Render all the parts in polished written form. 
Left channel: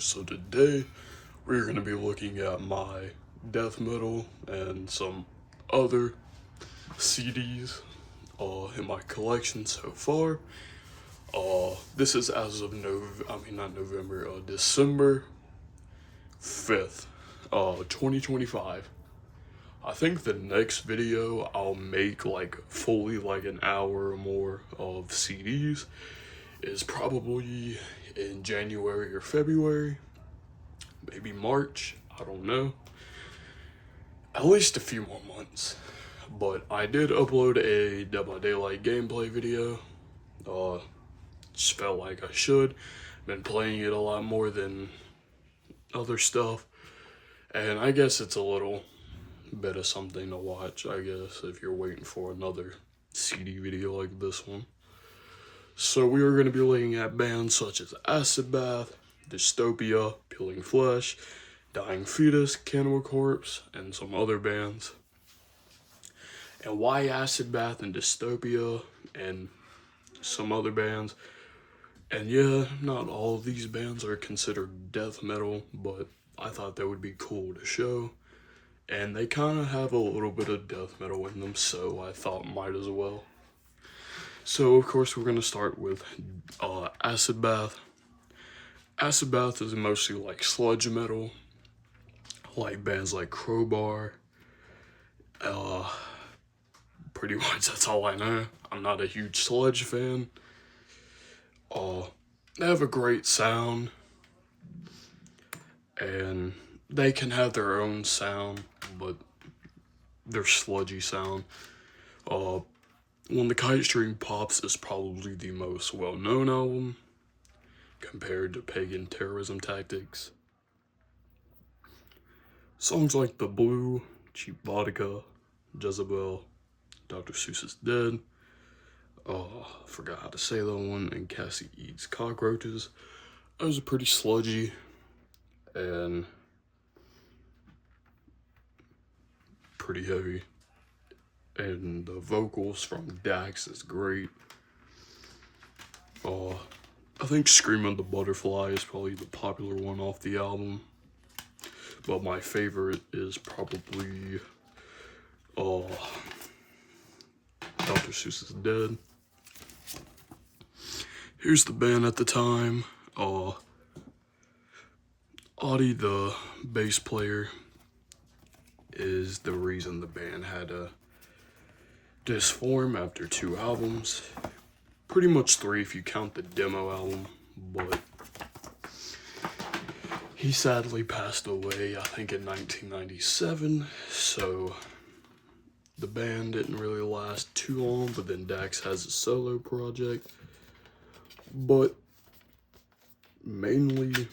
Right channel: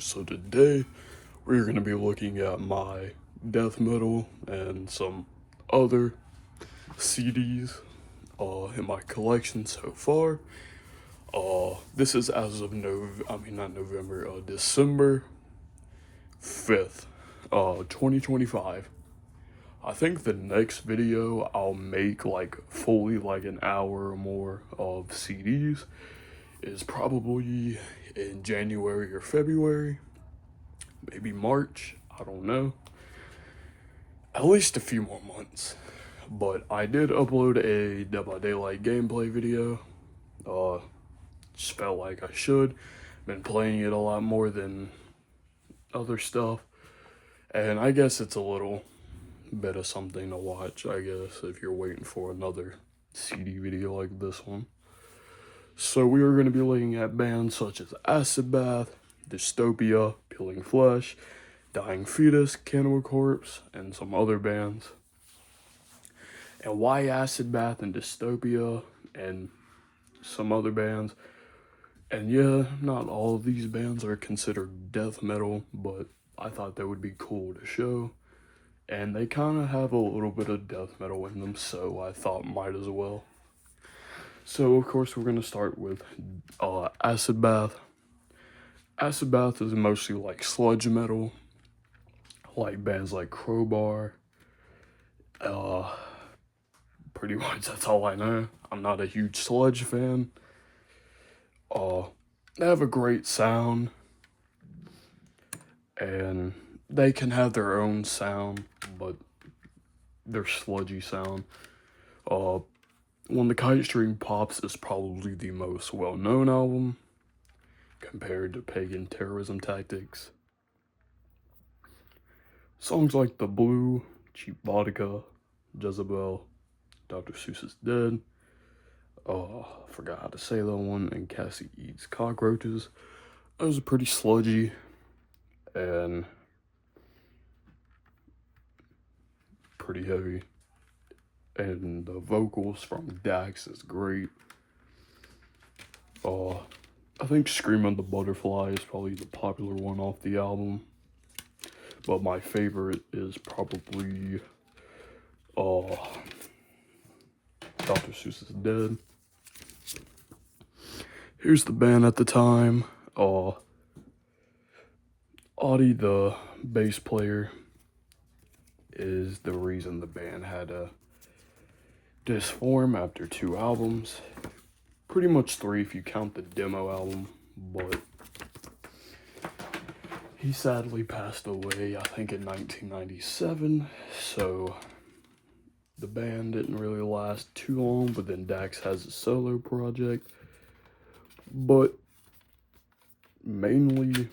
So today we're going to be looking at my death metal and some other CDs in my collection so far. This is as of December 5th, 2025. I think the next video I'll make like fully like an hour or more of CDs is probably in January or February, maybe March, I don't know. At least a few more months. But I did upload a Dead by Daylight gameplay video. Just felt like I should. Been playing it a lot more than other stuff. And I guess it's a little bit of something to watch, I guess, if you're waiting for another CD video like this one. So we are going to be looking at bands such as Acid Bath, Dystopia, Peeling Flesh, Dying Fetus, Cannibal Corpse, and some other bands. And why Acid Bath and Dystopia and some other bands. And yeah, not all of these bands are considered death metal, but I thought that would be cool to show. And they kind of have a little bit of death metal in them, so I thought might as well. So of course we're going to start with Acid Bath. Acid Bath is mostly like sludge metal, like bands like Crowbar. Pretty much that's all I know. I'm not a huge sludge fan. They have a great sound, and they can have their own sound, but their sludgy sound. When the Kite String Pops is probably the most well-known album compared to Pagan Terrorism Tactics. Songs like The Blue, Cheap Vodka, Jezebel, Dr. Seuss is Dead, forgot how to say that one, and Cassie Eats Cockroaches. Those are pretty sludgy and pretty heavy. And the vocals from Dax is great. I think Scream of the Butterfly is probably the popular one off the album. But my favorite is probably Dr. Seuss is Dead. Here's the band at the time. Audie, the bass player, is the reason the band had to disform after 2 albums. Pretty much 3 if you count the demo album, but he sadly passed away, I think in 1997, so the band didn't really last too long, but then Dax has a solo project. But mainly,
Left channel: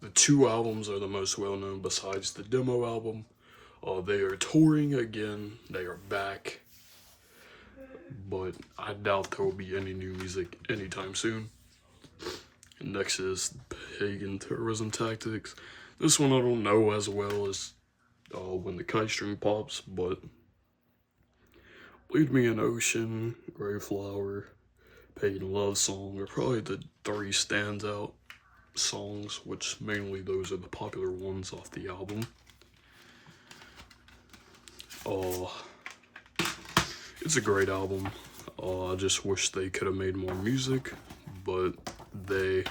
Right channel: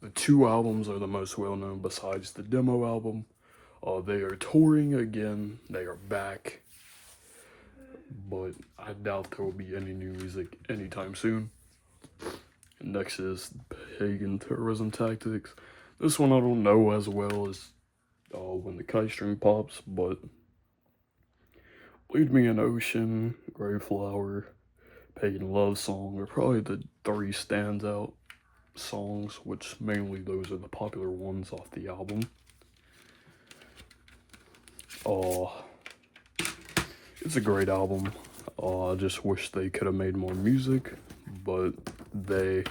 the 2 albums are the most well-known besides the demo album. They are touring again, they are back, but I doubt there will be any new music anytime soon. And next is Pagan Terrorism Tactics. This one I don't know as well as When the Kite String Pops, but Lead Me in Ocean, Grey Flower, Pagan Love Song are probably the 3 standout songs, which mainly those are the popular ones off the album. It's a great album. I just wish they could have made more music, but they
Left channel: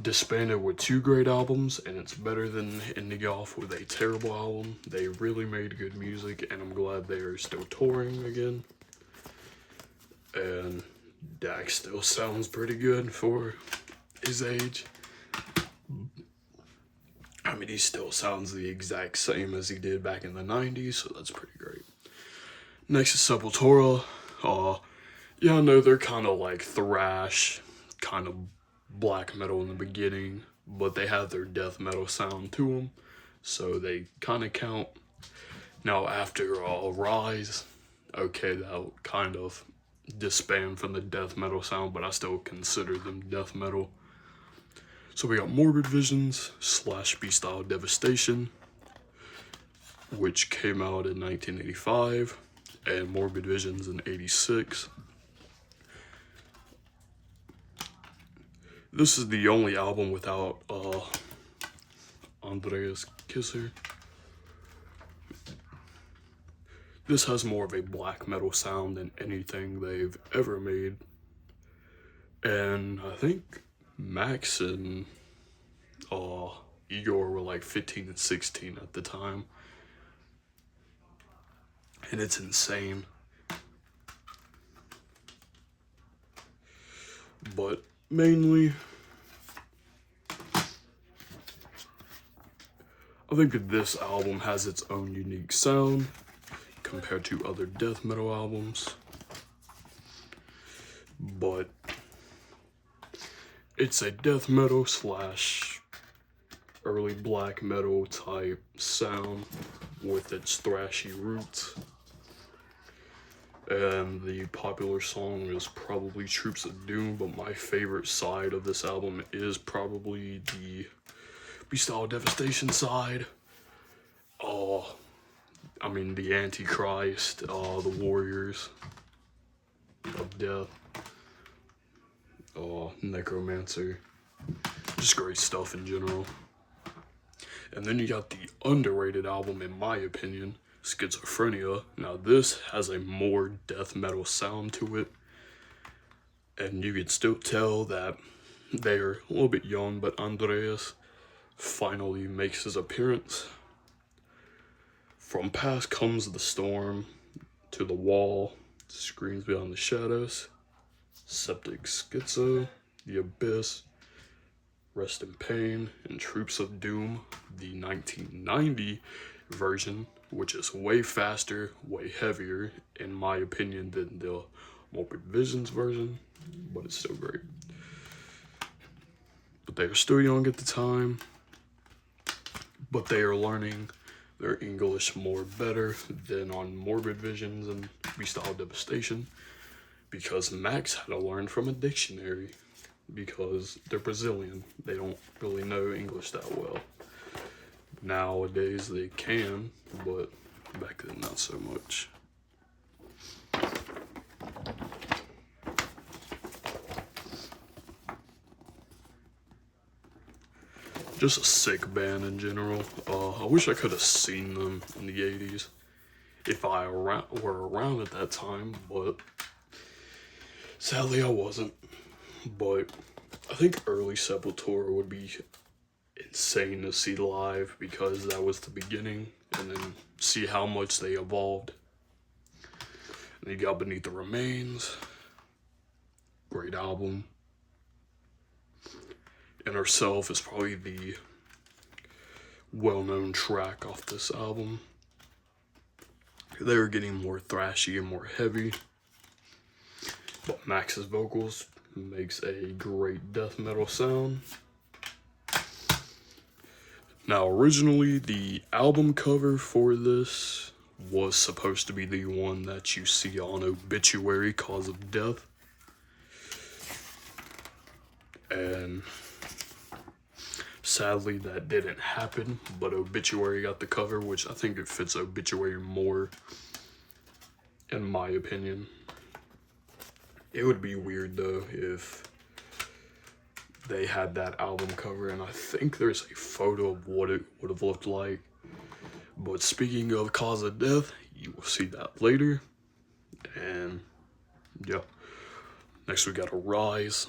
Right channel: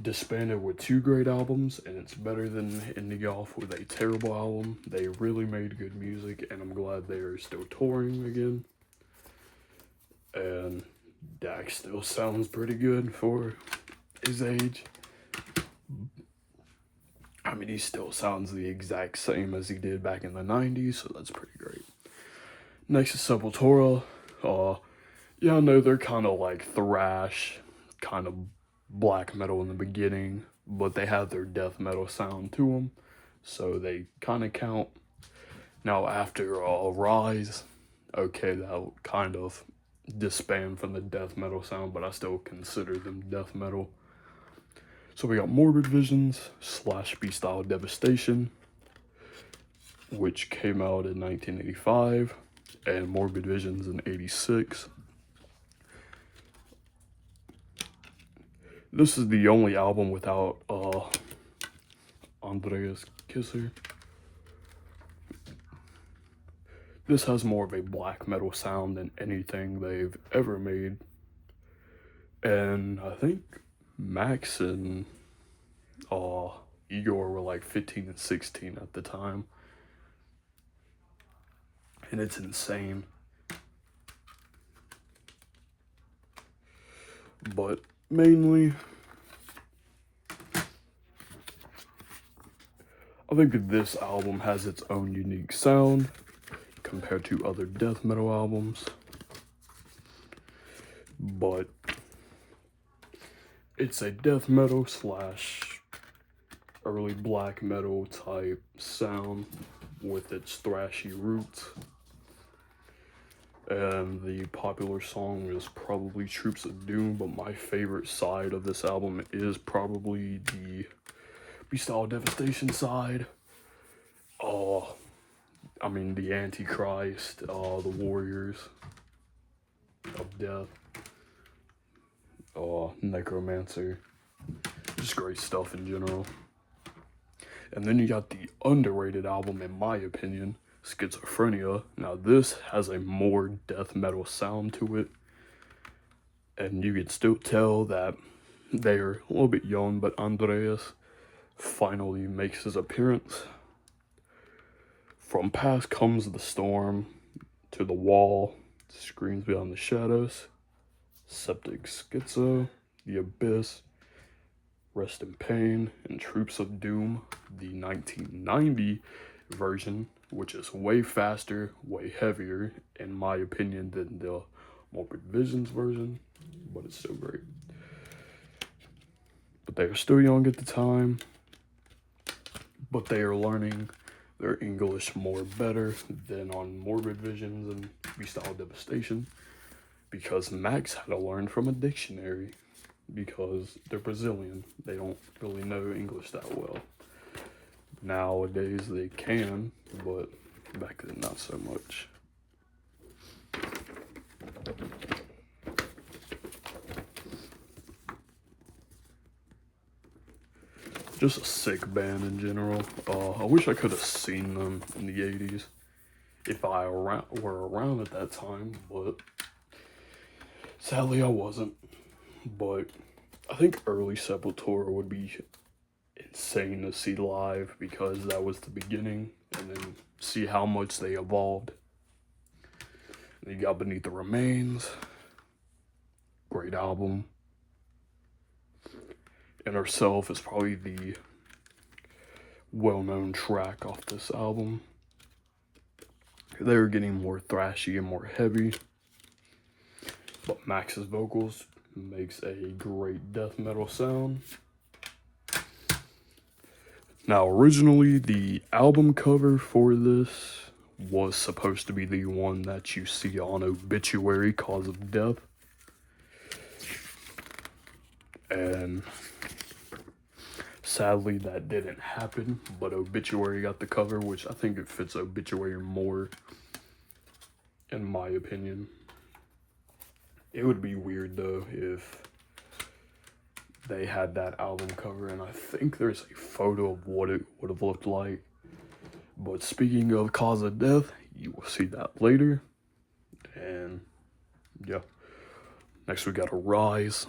disbanded with 2 great albums, and it's better than ending off with a terrible album. They really made good music, and I'm glad they are still touring again. And Dax still sounds pretty good for his age. I mean, he still sounds the exact same as he did back in the 90s, so that's pretty great. Next is Sepultura. Yeah, I know they're kind of like thrash, kind of black metal in the beginning, but they have their death metal sound to them, so they kind of count. Now after Rise, okay, that'll kind of disband from the death metal sound, but I still consider them death metal. So we got Morbid Visions / Beastyle Devastation, which came out in 1985, and Morbid Visions in 86. This is the only album without Andreas Kisser. This has more of a black metal sound than anything they've ever made. And I think Max and Igor were like 15 and 16 at the time. And it's insane. But mainly, I think this album has its own unique sound compared to other death metal albums. But it's a death metal slash early black metal type sound with its thrashy roots. And the popular song is probably Troops of Doom, but my favorite side of this album is probably the Beastyle Devastation side. I mean, the Antichrist, the Warriors of Death, Necromancer, just great stuff in general. And then you got the underrated album, in my opinion, Schizophrenia. Now this has a more death metal sound to it, and you can still tell that they're a little bit young, but Andreas finally makes his appearance. From Past Comes the Storm, To the Wall, Screams Beyond the Shadows, Septic Schizo, The Abyss, Rest in Pain, and Troops of Doom, the 1990 version, which is way faster, way heavier, in my opinion, than the Morbid Visions version, but it's still great. But they are still young at the time, but they are learning their English more better than on Morbid Visions and Beastyle Devastation, because Max had to learn from a dictionary, because they're Brazilian. They don't really know English that well. Nowadays they can, but back then not so much. Just a sick band in general. I wish I could have seen them in the 80s if I were around at that time, but sadly I wasn't. But I think early Sepultura would be insane to see live, because that was the beginning, and then see how much they evolved. And you got Beneath the Remains, great album. Inner Self is probably the well-known track off this album. They were getting more thrashy and more heavy, but Max's vocals makes a great death metal sound. Now, originally, the album cover for this was supposed to be the one that you see on Obituary, Cause of Death. And sadly, that didn't happen, but Obituary got the cover, which I think it fits Obituary more, in my opinion. It would be weird, though, if they had that album cover, and I think there's a photo of what it would have looked like. But speaking of Cause of Death, you will see that later. And yeah, next we got Arise.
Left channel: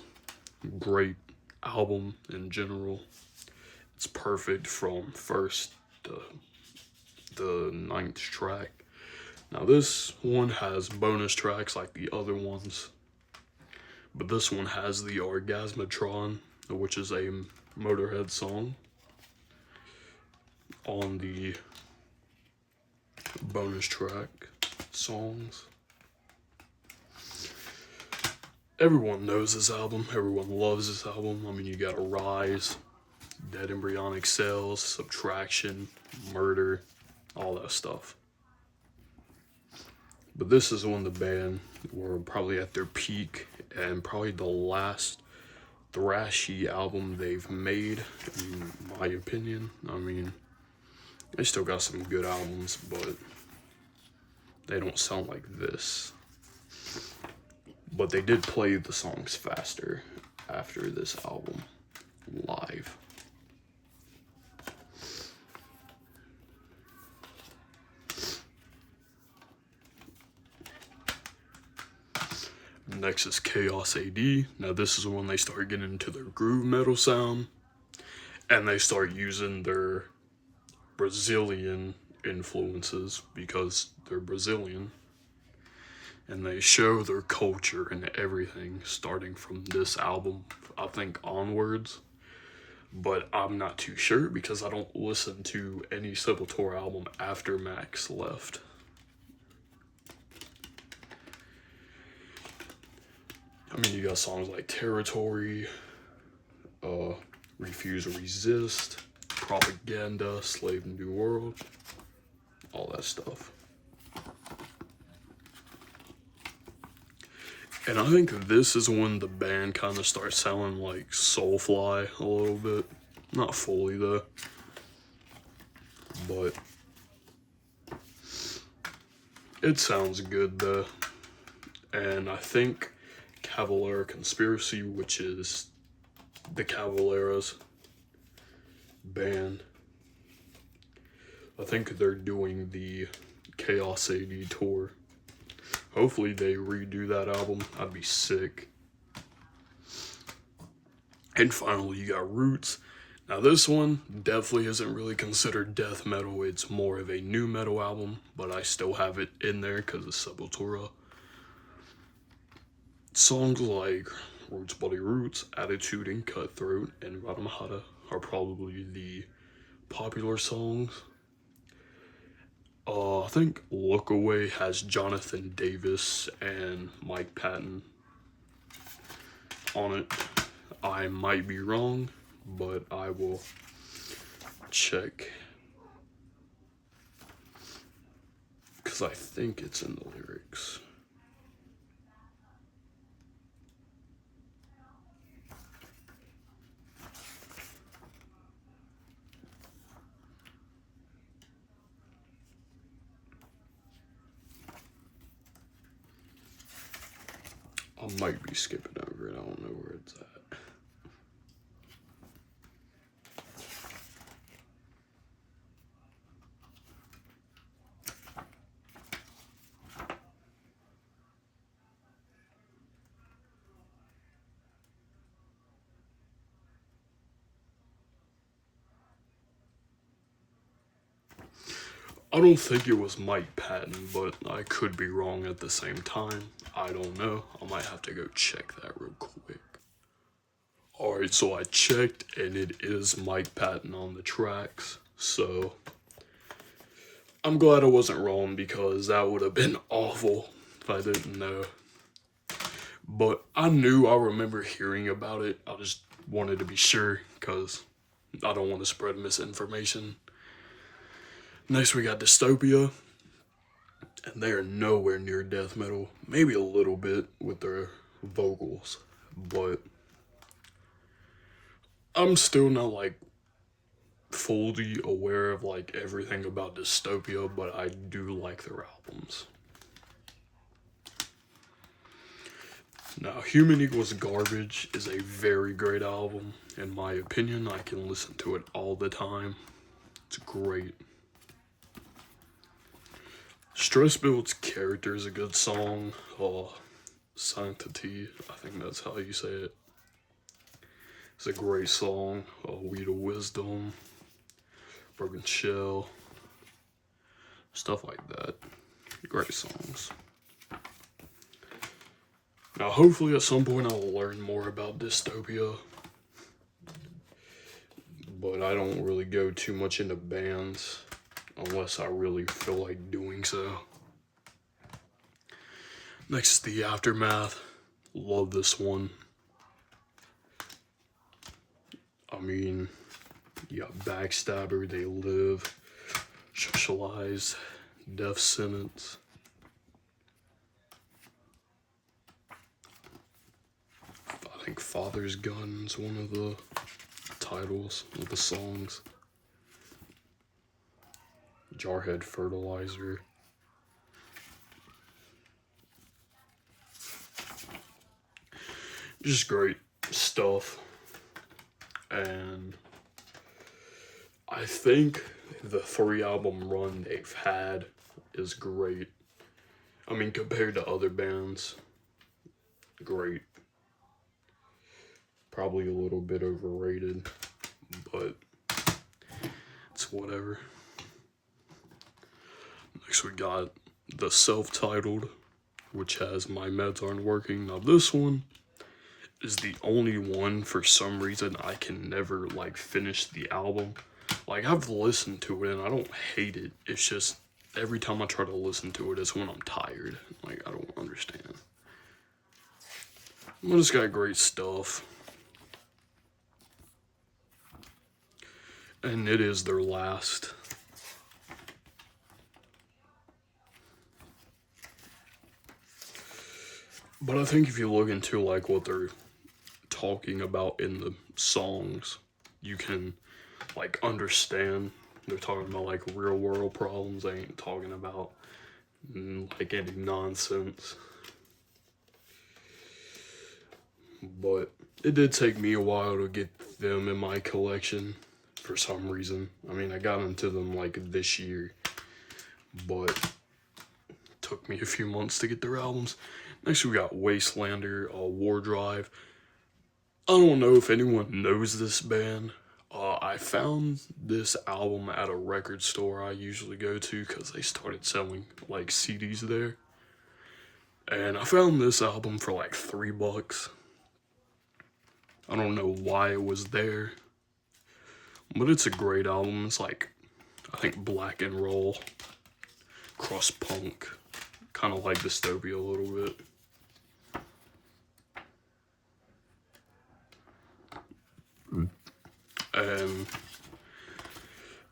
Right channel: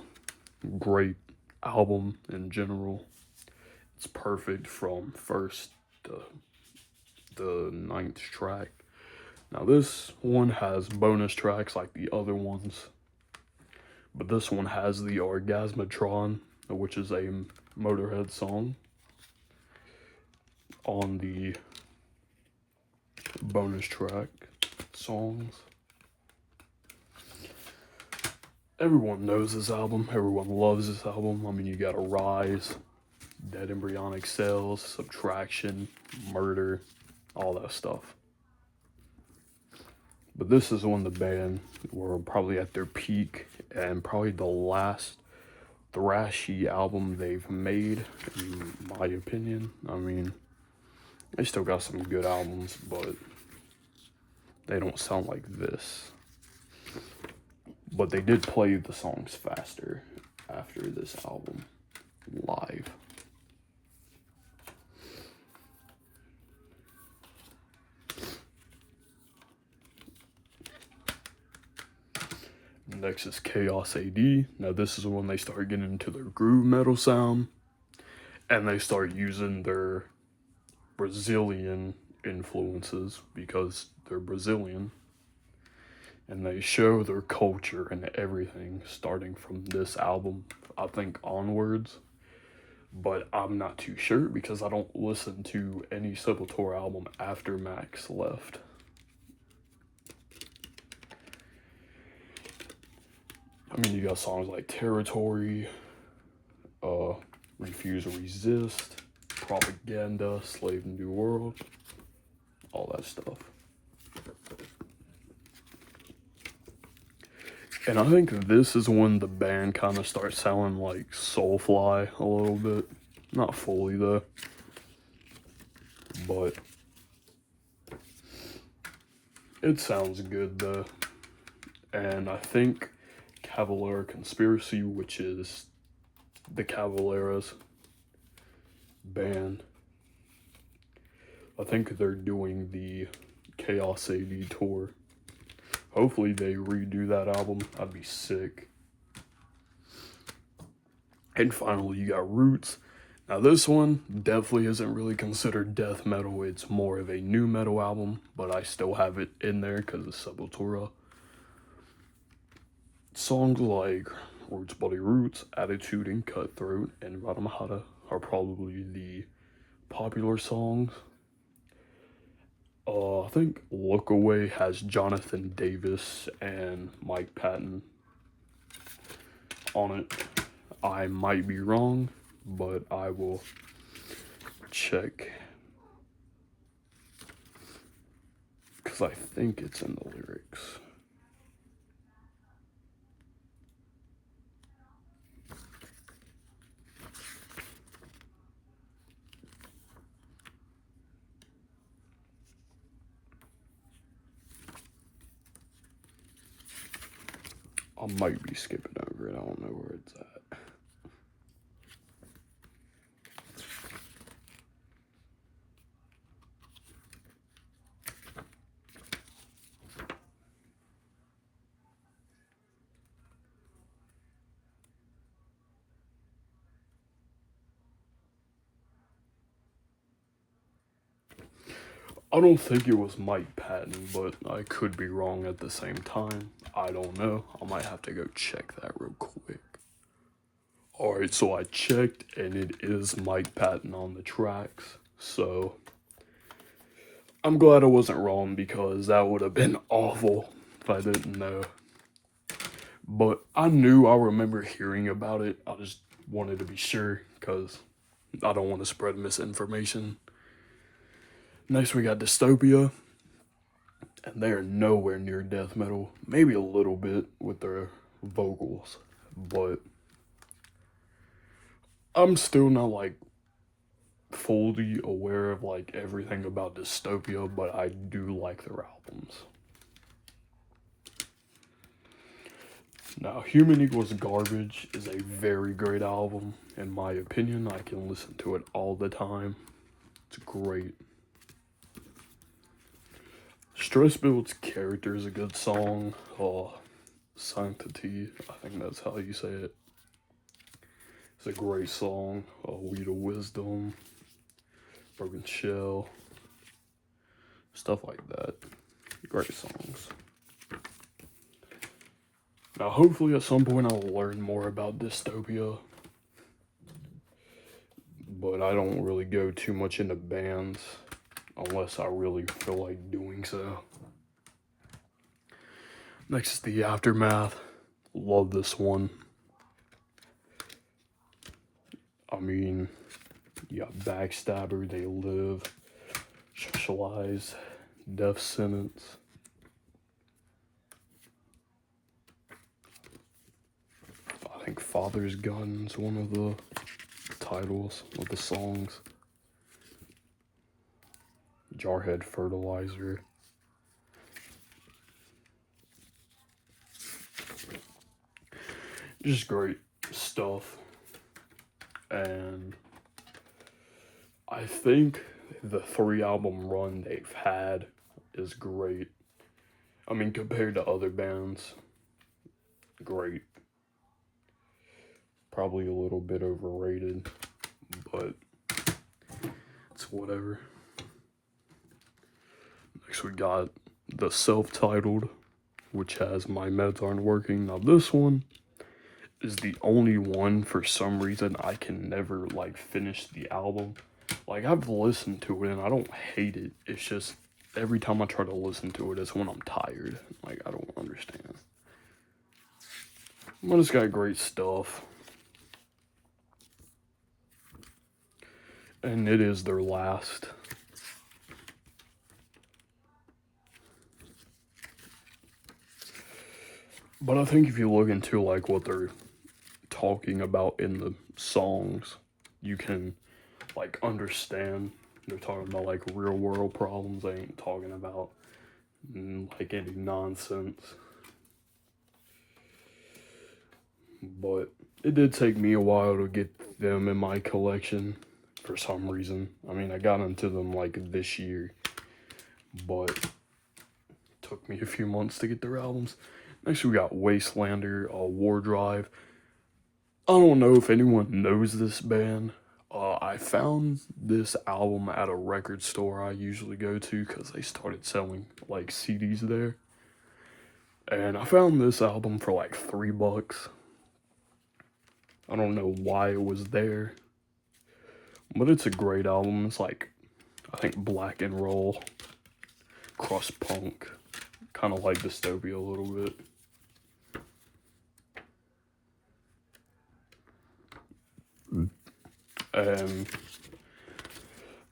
Great album in general. It's perfect from first to the 9th track. Now this one has bonus tracks like the other ones, but this one has the Orgasmatron, which is a Motorhead song, on the bonus track songs. Everyone knows this album. Everyone loves this album. I mean, you got Arise, Dead Embryonic Cells, Subtraction, Murder, all that stuff. But this is when the band were probably at their peak, and probably the last thrashy album they've made, in my opinion. I mean, they still got some good albums, but they don't sound like this. But they did play the songs faster after this album live. Next is Chaos AD. Now this is when they start getting into their groove metal sound, and they start using their Brazilian influences because they're Brazilian, and they show their culture and everything starting from this album, I think, onwards. But I'm not too sure because I don't listen to any Sepultura album after Max left. I mean, you got songs like Territory, Refuse or Resist, Propaganda, Slave New World, all that stuff. And I think this is when the band kind of starts sounding like Soulfly a little bit. Not fully though. But it sounds good though. And I think Cavalera Conspiracy, which is the Cavalera's band, I think they're doing the Chaos AD tour. Hopefully they redo that album. I'd be sick. And finally, you got Roots. Now this one definitely isn't really considered death metal. It's more of a new metal album, but I still have it in there because it's Sepultura. Songs like Roots Bloody Roots, Attitude and Cutthroat, and Radamahata are probably the popular songs. I think Look Away has Jonathan Davis and Mike Patton on it. I might be wrong, but I will check. Because I think it's in the lyrics. I might be skipping over it. I don't know where it's at. I don't think it was Mike Patton, but I could be wrong at the same time. I don't know. I might have to go check that real quick. Alright, so I checked and it is Mike Patton on the tracks. So I'm glad I wasn't wrong because that would have been awful if I didn't know. But I remember hearing about it. I just wanted to be sure because I don't want to spread misinformation. Next, we got Dystopia, and they are nowhere near death metal. Maybe a little bit with their vocals, but I'm still not like fully aware of like everything about Dystopia, but I do like their albums. Now, Human Equals Garbage is a very great album, in my opinion. I can listen to it all the time. It's great. Stress Build's Character is a good song. Sanctity, I think that's how you say it. It's a great song. Weed of Wisdom, Broken Shell, stuff like that. Great songs. Now, hopefully at some point I'll learn more about Dystopia, but I don't really go too much into bands unless I really feel like doing so. Next is The Aftermath. Love this one. I mean, you got Backstabber, They Live, Socialized, Death Sentence. I think Father's Gun is one of the titles of the songs. Jarhead Fertilizer. Just great. stuff, and I think the 3-album run they've had is great. I mean, compared to other bands, great. Probably a little bit overrated, but it's whatever. Next we got the self-titled, which has My Meds Aren't Working. Now this one is the only one, for some reason, I can never, like, finish the album. Like, I've listened to it, and I don't hate it. It's just, every time I try to listen to it, it's when I'm tired. Like, I don't understand. But it's got great stuff. And it is their last. But I think if you look into, like, what they're talking about in the songs, you can, like, understand. They're talking about, like, real world problems. They ain't talking about, like, any nonsense. But it did take me a while to get them in my collection for some reason. I mean, I got into them, like, this year, but it took me a few months to get their albums. Next, we got Wastelander, War Drive. I don't know if anyone knows this band. I found this album at a record store I usually go to because they started selling, like, CDs there. And I found this album for, like, $3. I don't know why it was there, but it's a great album. It's like, I think, black and roll, crust punk, kind of like Dystopia a little bit. And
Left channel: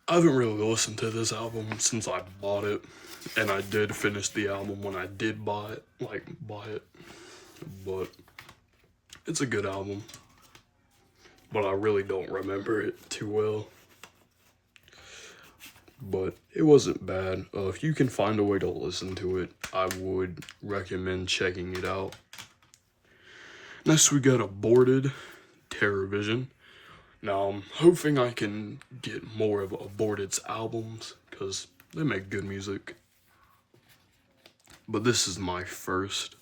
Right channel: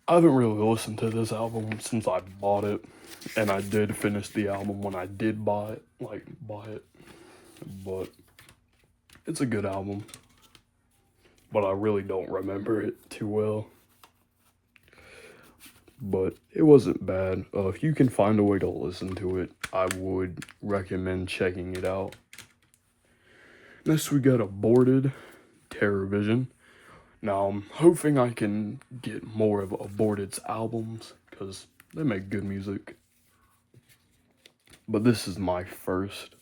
I haven't really listened to this album since I bought it, and I did finish the album when I did buy it, but it's a good album, but I really don't remember it too well. But it wasn't bad. If you can find a way to listen to it, I would recommend checking it out. Next we got Aborted, Terror Vision. Now I'm hoping I can get more of Aborted's albums, because they make good music. But this is my first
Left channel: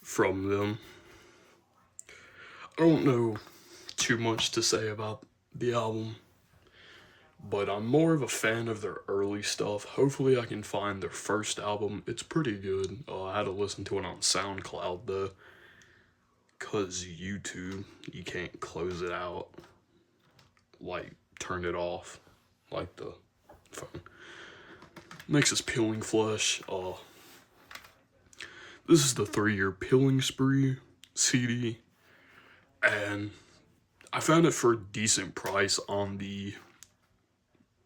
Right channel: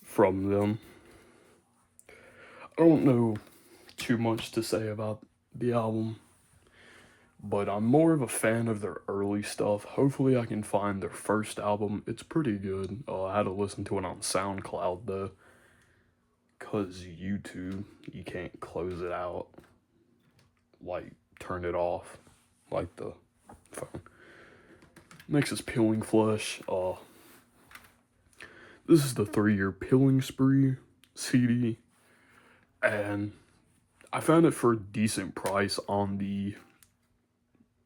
from them. I don't know too much to say about the album, but I'm more of a fan of their early stuff. Hopefully I can find their first album. It's pretty good. I had to listen to it on SoundCloud though, because YouTube, you can't close it out, like turn it off like the phone. Next is Peeling Flesh. This is the 3-year Peeling Spree CD, and I found it for a decent price on the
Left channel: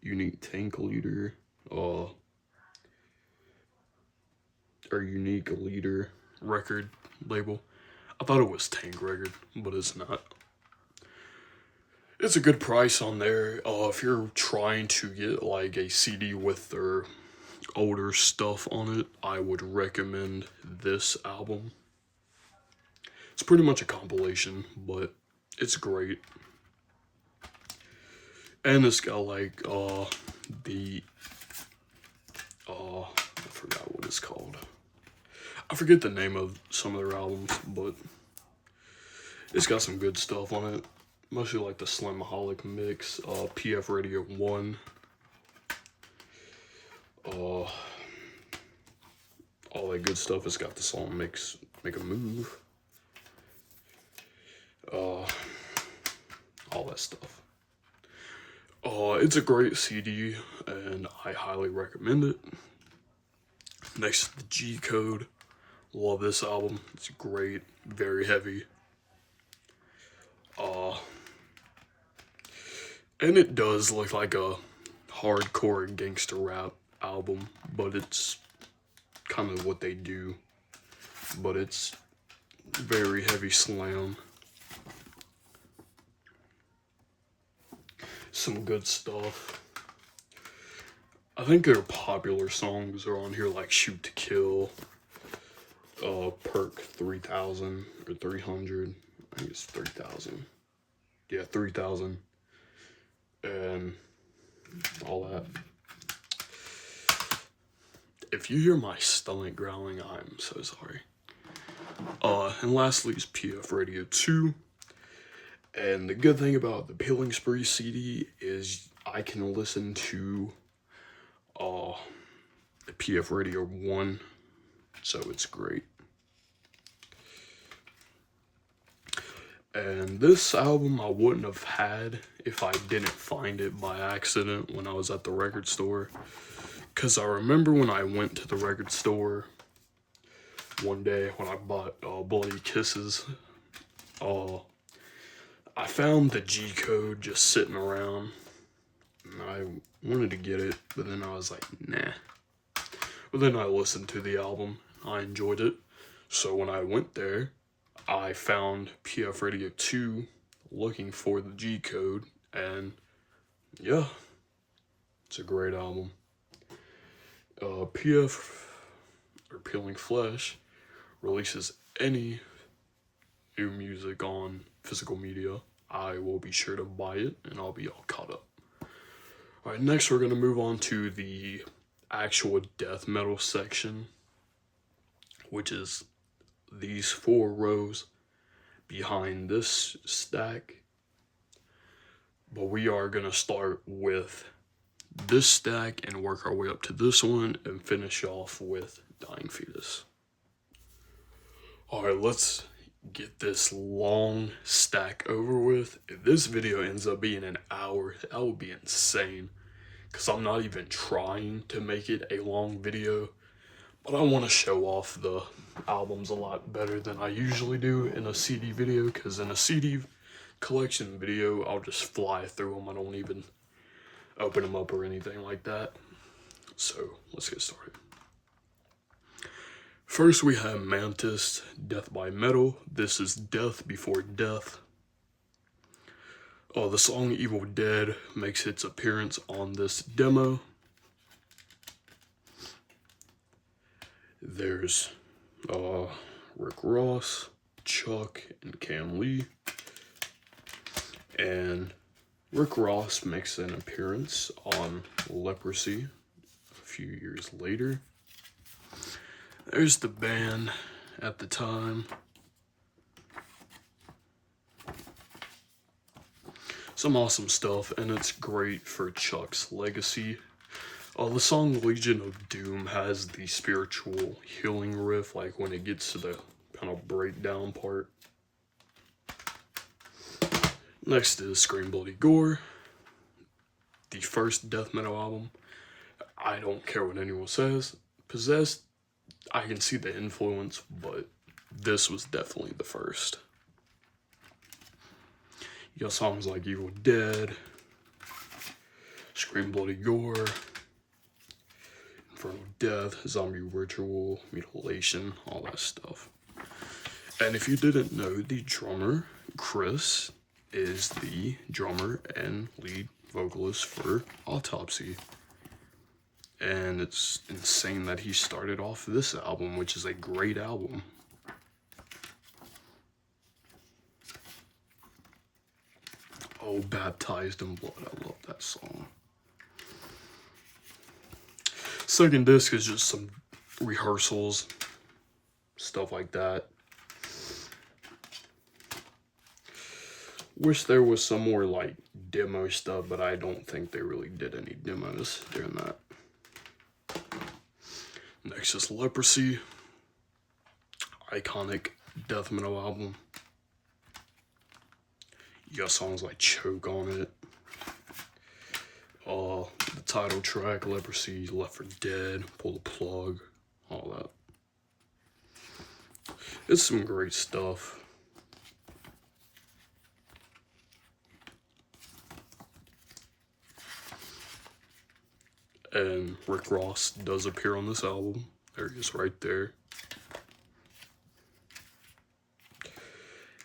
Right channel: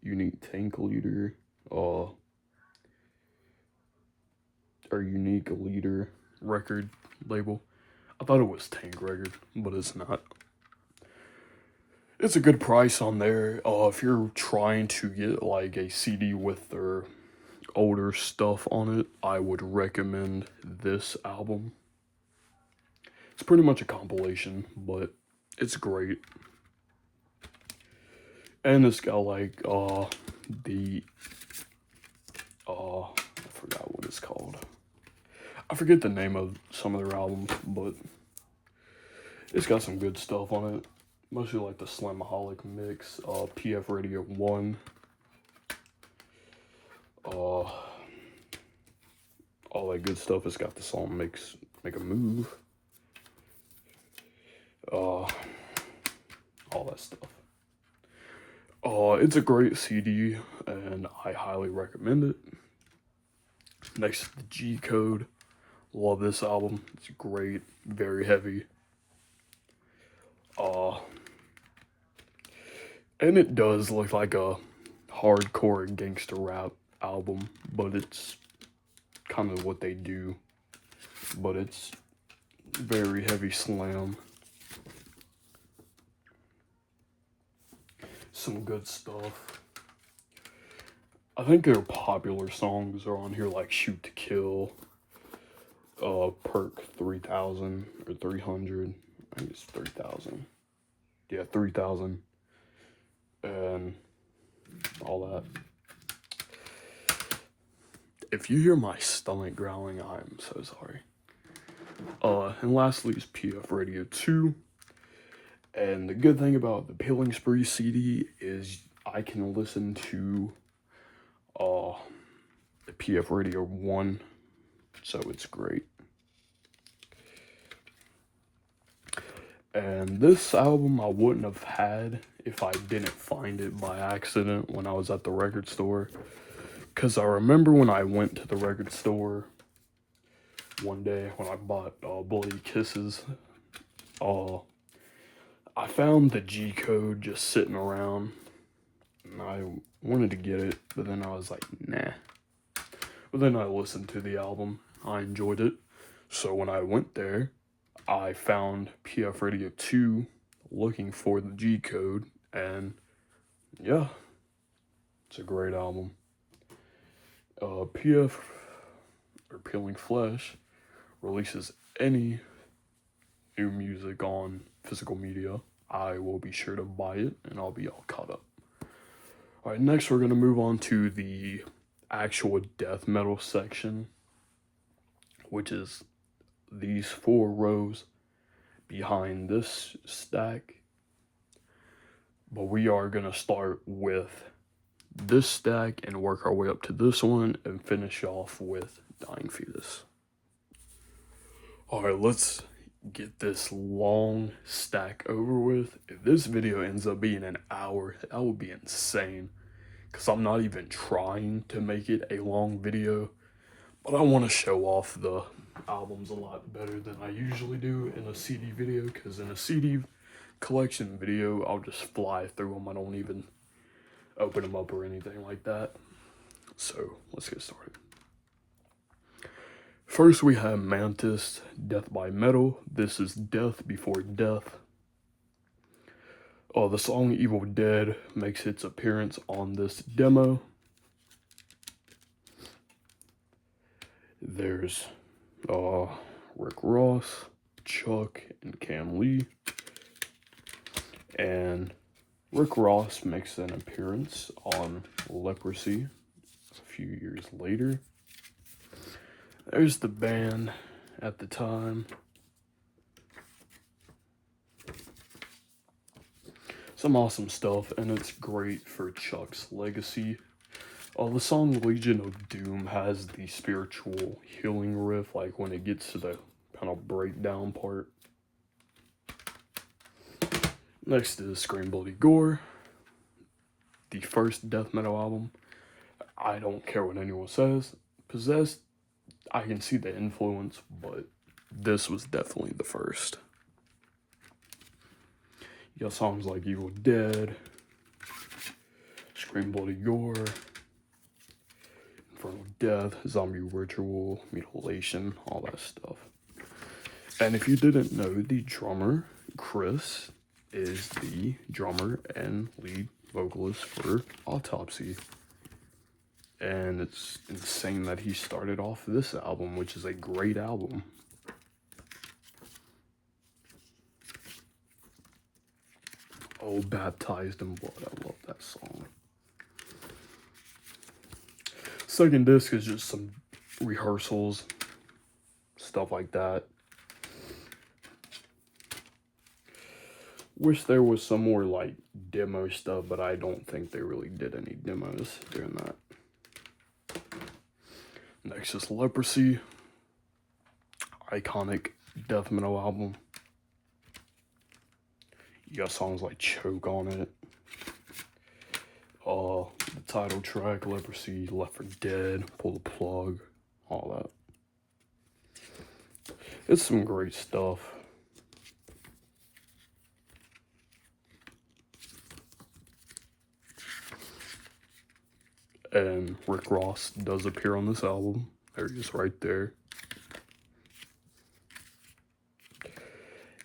Unique Tank Leader, or Unique Leader record label. I thought it was Tank Record, but it's not. It's a good price on there. If you're trying to get like a CD with their older stuff on it, I would recommend this album. It's pretty much a compilation, but it's great. And it's got like I forgot what it's called. I forget the name of some of their albums, but it's got some good stuff on it. Mostly like the Slimaholic mix, PF Radio 1, all that good stuff. It's got the song Make a Move, all that stuff. It's a great CD, and I highly recommend it. Next is the G Code. Love this album. It's great, very heavy. And it does look like a hardcore gangster rap album, but it's kind of what they do. But it's very heavy slam. Some good stuff. I think their popular songs are on here, like Shoot to Kill, Perk 3000 or 300. I think it's 3,000. Yeah, 3,000. And all that. If you hear my stomach growling, I'm so sorry. And lastly is PF Radio 2. And the good thing about the Peeling Spree CD is I can listen to the PF Radio 1, so it's great. And this album I wouldn't have had if I didn't find it by accident when I was at the record store. Because I remember when I went to the record store one day when I bought Bloody Kisses, I found the G code just sitting around. And I wanted to get it, but then I was like, nah. But then I listened to the album. I enjoyed it. So when I went there, I found PF Radio 2 looking for the G code, and yeah, it's a great album. PF, or Peeling Flesh, releases any new music on physical media. I will be sure to buy it, and I'll be all caught up. Alright, next we're going to move on to the actual death metal section, which is these 4 rows behind this stack. But we are going to start with this stack and work our way up to this one and finish off with Dying Fetus. Alright, let's get this long stack over with. If this video ends up being an hour, that would be insane. Because I'm not even trying to make it a long video. But I want to show off the albums a lot better than I usually do in a CD video. Because in a CD collection video, I'll just fly through them. I don't even open them up or anything like that. So, let's get started. First we have Mantis, Death by Metal. This is Death Before Death. The song Evil Dead makes its appearance on this demo. There's Rick Ross, Chuck, and Cam Lee. And Rick Ross makes an appearance on Leprosy a few years later. There's the band at the time. Some awesome stuff, and it's great for Chuck's legacy. The song Legion of Doom has the spiritual healing riff, like when it gets to the kind of breakdown part. Next is Scream Bloody Gore, the first death metal album. I don't care what anyone says. Possessed, I can see the influence, but this was definitely the first. You got songs like Evil Dead, Scream Bloody Gore, Infernal Death, Zombie Ritual, Mutilation, all that stuff. And if you didn't know, the drummer, Chris, is the drummer and lead vocalist for Autopsy. And it's insane that he started off this album, which is a great album. Oh, Baptized in Blood, I love that song. Second disc is just some rehearsals, stuff like that. Wish there was some more like demo stuff, but I don't think they really did any demos during that. Next is Leprosy, iconic death metal album. You got songs like Choke on it. The title track, Leprosy, Left for Dead, Pull the Plug, all that. It's some great stuff. And Rick Ross does appear on this album. There he is right there.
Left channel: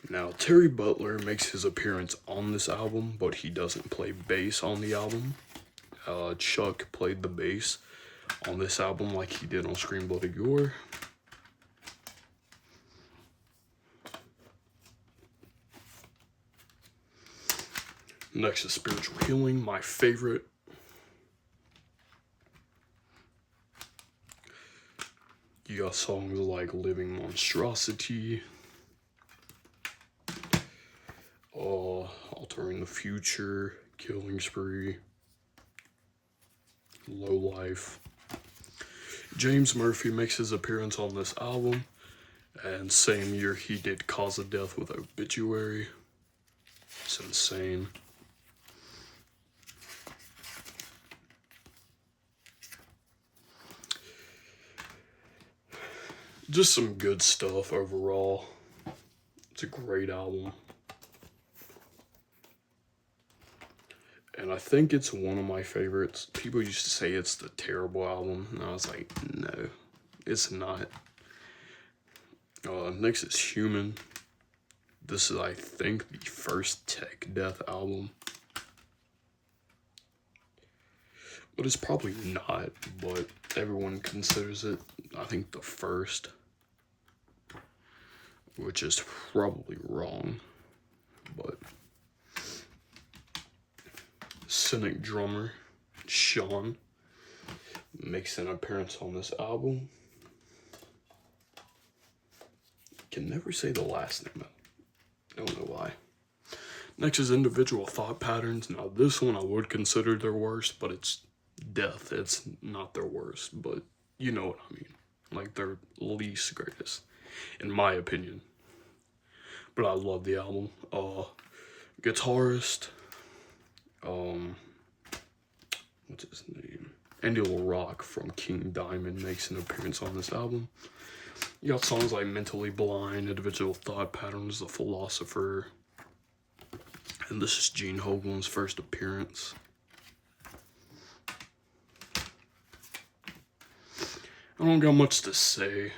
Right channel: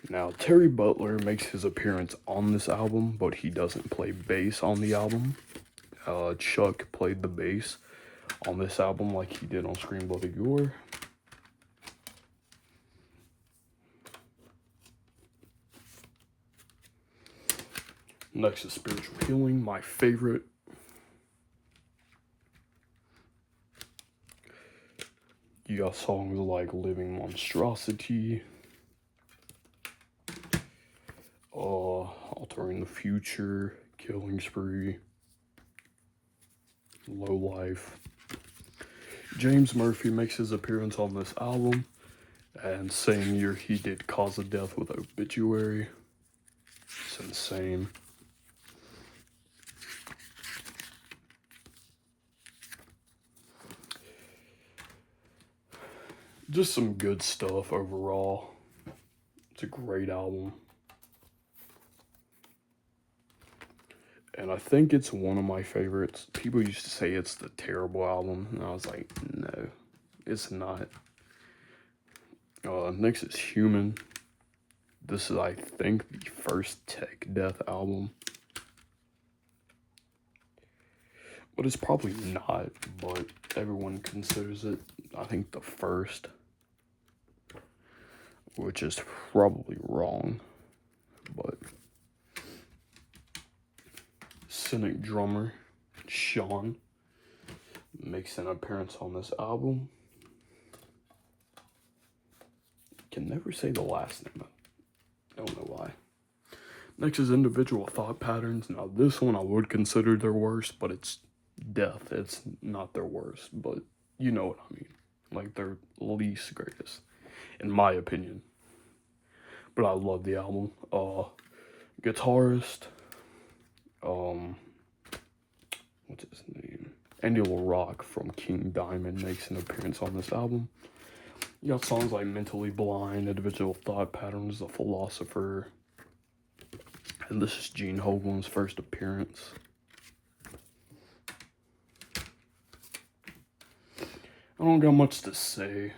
Now, Terry Butler makes his appearance on this album, but he doesn't play bass on the album. Chuck played the bass on this album like he did on Scream Bloody Gore. Next is Spiritual Healing, my favorite. You got songs like Living Monstrosity, Altering the Future, Killing Spree, Low Life. James Murphy makes his appearance on this album, and same year he did Cause of Death with Obituary. It's insane. Just some good stuff overall. It's a great album. And I think it's one of my favorites. People used to say it's the terrible album, and I was like, no, it's not. Next is Human. This is, I think, the first Tech Death album. But it's probably not, but everyone considers it, I think, the first. Which is probably wrong, but Cynic drummer Sean makes an appearance on this album. Can never say the last name. I don't know why. Next is Individual Thought Patterns. Now this one I would consider their worst, but it's Death. It's not their worst, but you know what I mean. Like their least greatest, in my opinion. But I love the album. Guitarist, what's his name? Angelo Rock from King Diamond makes an appearance on this album. You got songs like Mentally Blind, Individual Thought Patterns, The Philosopher, and this is Gene Hoglan's first appearance. I don't got much to say,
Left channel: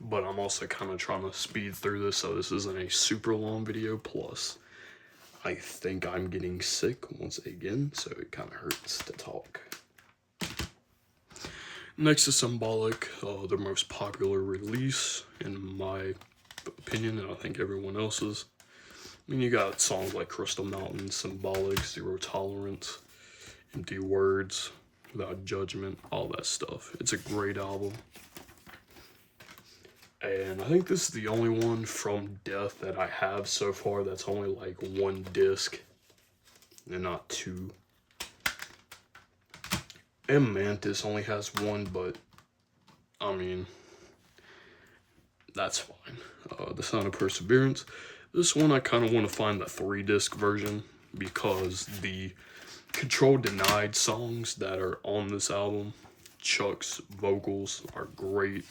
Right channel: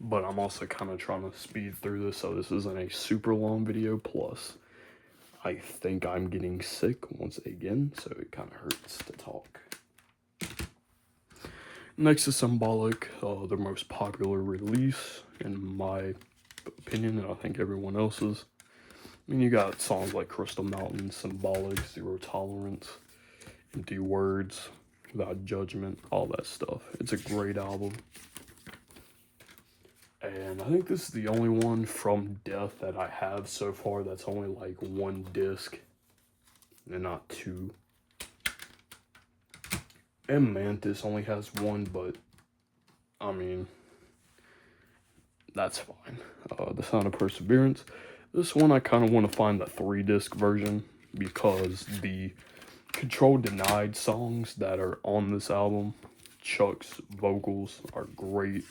but I'm also kind of trying to speed through this so this isn't a super long video. Plus, I think I'm getting sick once again, so it kind of hurts to talk. Next is Symbolic, their most popular release, in my opinion, and I think everyone else's. And you got songs like Crystal Mountain, Symbolic, Zero Tolerance, Empty Words, Without Judgment, all that stuff. It's a great album. And I think this is the only one from Death that I have so far that's only like one disc and not two. And Mantis only has one, but I mean, that's fine. The Sound of Perseverance. This one I kind of want to find the 3-disc version because the Control Denied songs that are on this album, Chuck's vocals are great.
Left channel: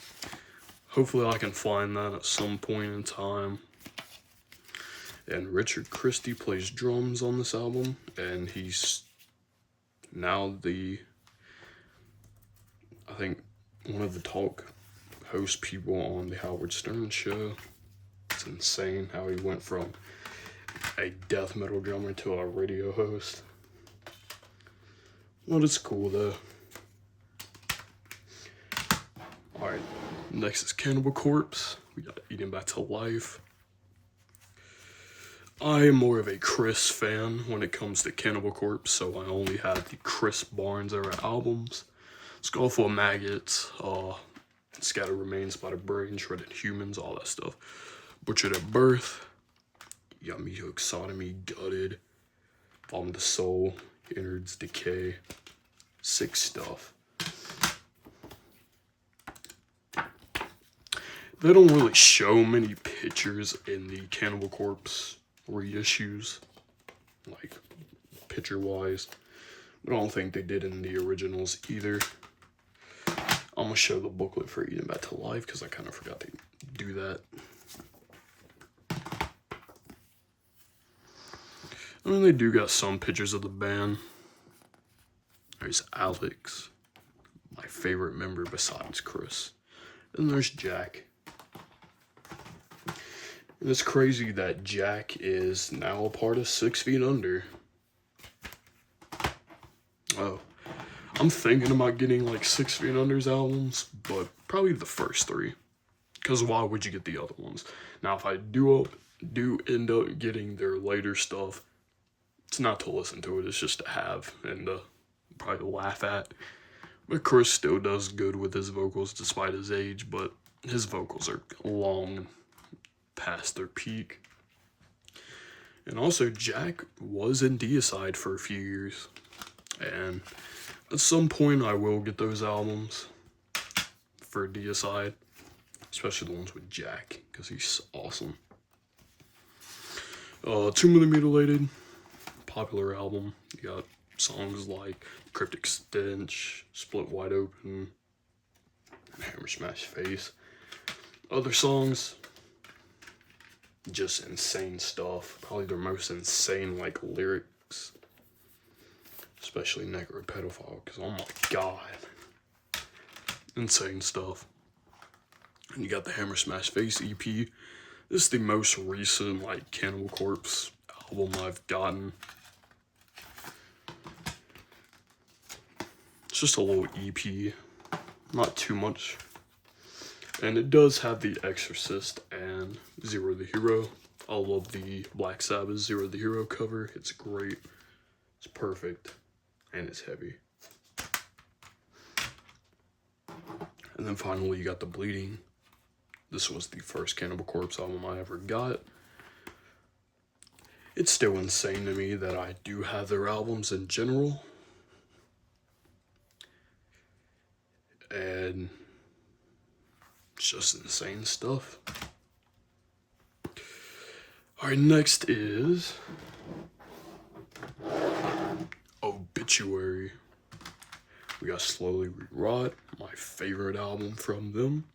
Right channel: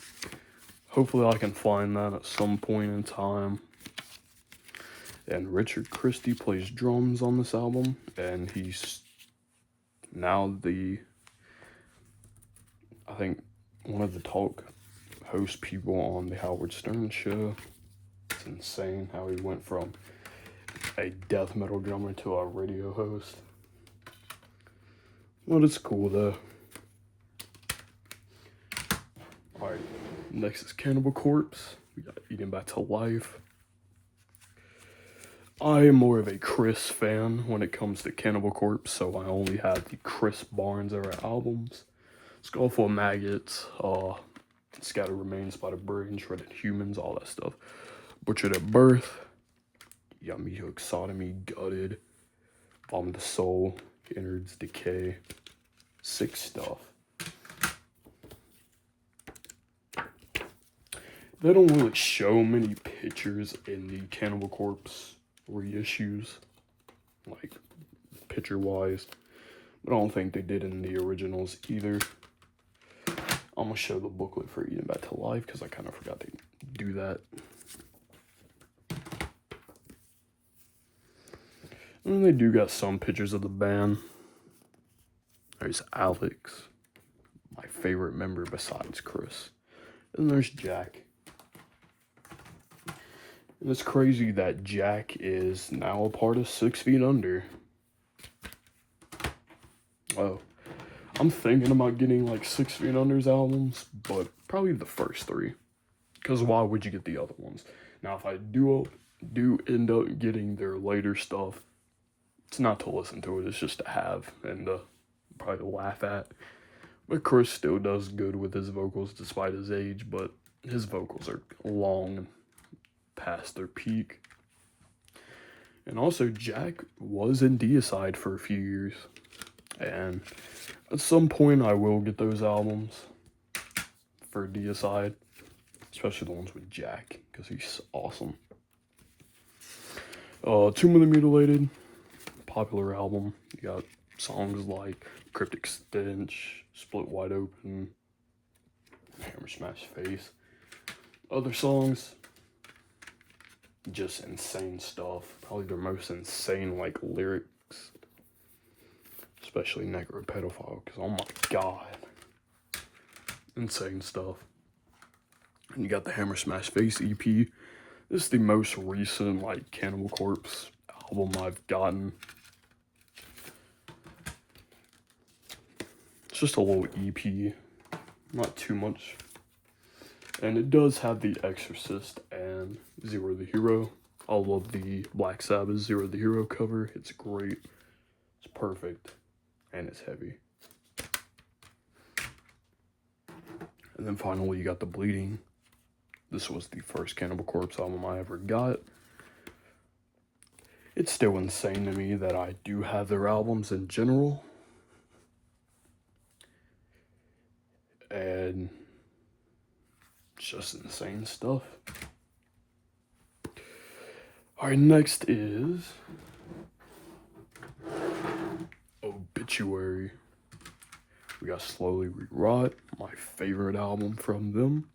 Hopefully I can find that at some point in time. And Richard Christie plays drums on this album, and he's now I think one of the talk host people on the Howard Stern show. It's insane how he went from a death metal drummer to a radio host. Well, it's cool though. Alright, next is Cannibal Corpse. We got Eating Back to Life. I am more of a Chris fan when it comes to Cannibal Corpse, so I only have the Chris Barnes era albums. Skull Full of Maggots, Scattered Remains by the Brain, Shredded Humans, all that stuff. Butchered at Birth, Yummy Hook Sodomy, Gutted, Vomit the Soul, Innards Decay, sick stuff. They don't really show many pictures in the Cannibal Corpse reissues, like picture-wise, but I don't think they did in the originals either. I'm gonna show the booklet for Eating Back to Life because I kind of forgot to do that. I mean, they do got some pictures of the band. There's Alex, my favorite member besides Chris. And there's Jack. And it's crazy that Jack is now a part of 6 Feet Under. Oh, I'm thinking about getting like 6 Feet Under's albums, but probably the first 3. Because why would you get the other ones? Now, if I do end up getting their later stuff, It's not to listen to it, it's just to have and probably laugh at. But Chris still does good with his vocals despite his age, but his vocals are long past their peak. And also, Jack was in Deicide for a few years. And at some point, I will get those albums for Deicide, especially the ones with Jack, because he's awesome. Tomb of the Mutilated, popular album. You got songs like Cryptic Stench, Split Wide Open, Hammer Smash Face. Other songs, just insane stuff. Probably their most insane, like, lyrics. Especially Necropedophile, because oh my god. Insane stuff. And you got the Hammer Smash Face EP. This is the most recent, like, Cannibal Corpse album I've gotten. It's just a little EP. Not too much. And it does have The Exorcist and Zero the Hero. I love the Black Sabbath Zero the Hero cover. It's great. It's perfect. And it's heavy. And then finally you got The Bleeding. This was the first Cannibal Corpse album I ever got. It's still insane to me that I do have their albums in general. And it's just insane stuff. Alright, next is Obituary. We got Slowly We Rot, my favorite album from them.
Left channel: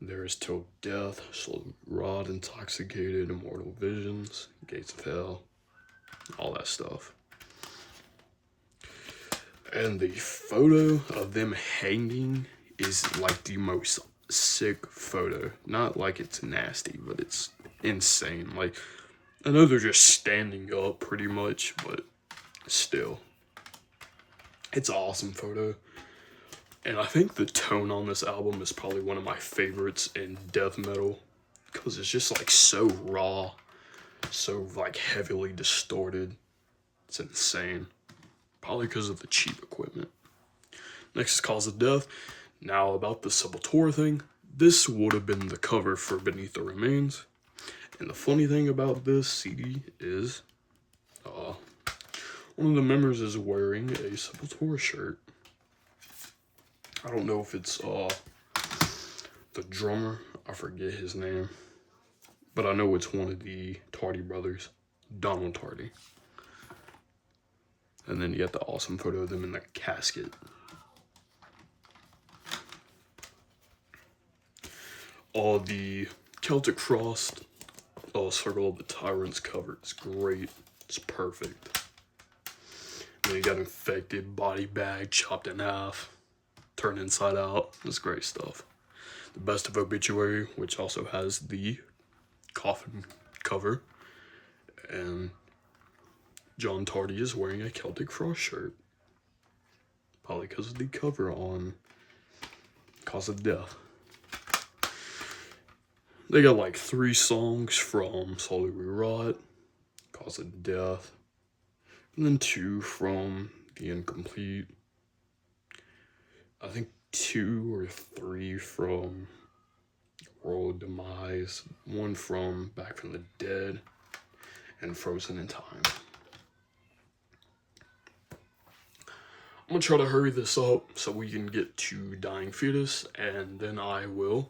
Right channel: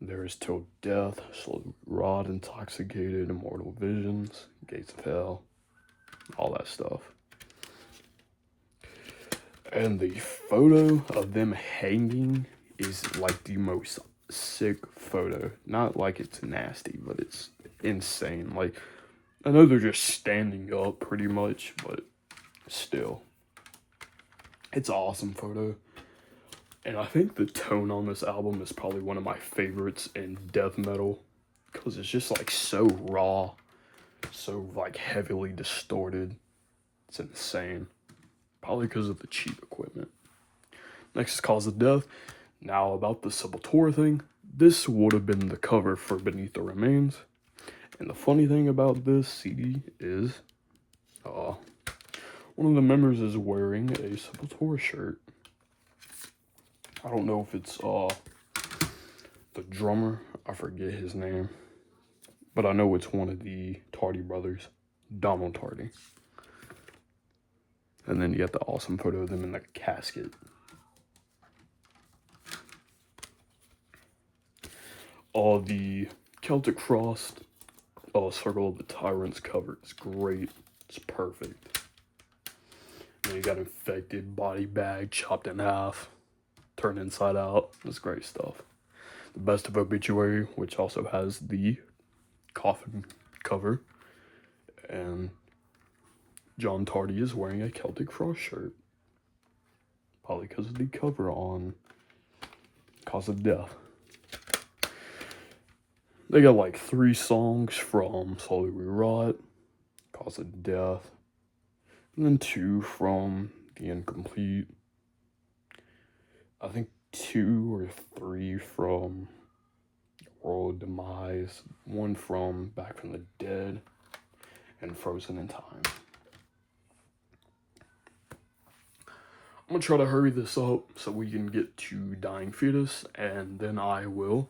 There's Till Death, Slowly We Rot, Intoxicated, Immortal Visions, Gates of Hell, all that stuff. And the photo of them hanging is like the most sick photo. Not like it's nasty, but it's insane. Like, I know they're just standing up pretty much, but still. It's an awesome photo. And I think the tone on this album is probably one of my favorites in death metal. Because it's just like so raw. So like heavily distorted. It's insane. Probably because of the cheap equipment. Next is Cause of Death. Now about the Sepultura thing. This would have been the cover for Beneath the Remains. And the funny thing about this CD is one of the members is wearing a Sepultura shirt. I don't know if it's the drummer. I forget his name. But I know it's one of the Tardy brothers. Donald Tardy. And then you get the awesome photo of them in the casket. The Celtic Frost Circle of the Tyrants cover is great. It's perfect. And then you got Infected, Body Bag, chopped in half, turned inside out. It's great stuff. The Best of Obituary, which also has the coffin cover. And John Tardy is wearing a Celtic Frost shirt. Probably because of the cover on Cause of Death. They got like 3 songs from Slowly We Rot, Cause of Death, and then 2 from The Incomplete. I think 2 or 3 from World Demise, 1 from Back from the Dead, and Frozen in Time. I'm gonna try to hurry this up so we can get to Dying Fetus, and then I will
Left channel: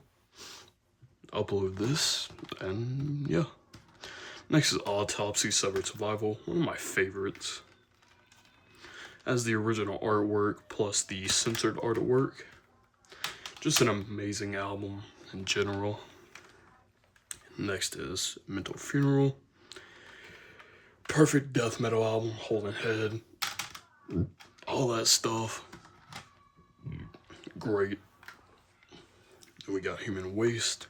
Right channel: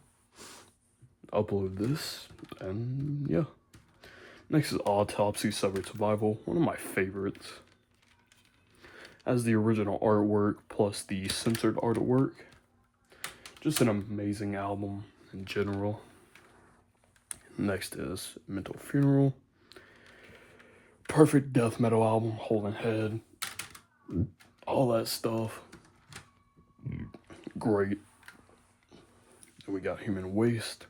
upload this, and yeah. Next is Autopsy, Severed Survival, one of my favorites. As the original artwork plus the censored artwork. Just an amazing album in general. Next is Mental Funeral. Perfect death metal album, Holding Head. All that stuff. Great. And we got Human Waste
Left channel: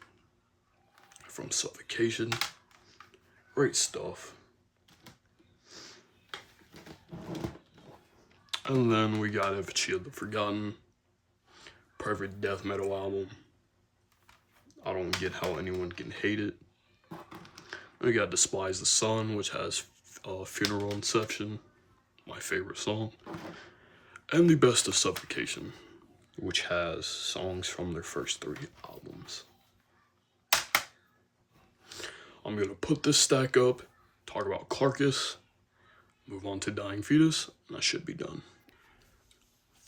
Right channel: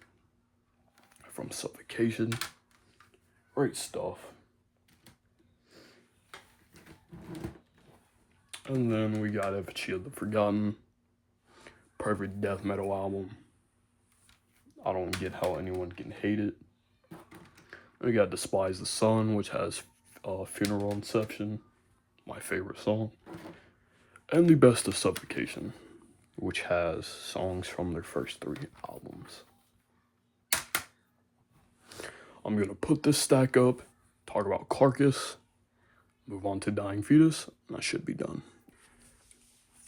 from Suffocation. Great stuff. And then we got Effigy of the Forgotten. Perfect death metal album. I don't get how anyone can hate it. We got Despise the Sun, which has Funeral Inception, my favorite song, and the best of Suffocation, which has songs from their first 3 albums. I'm gonna put this stack up, talk about Carcass, move on to Dying Fetus, and I should be done.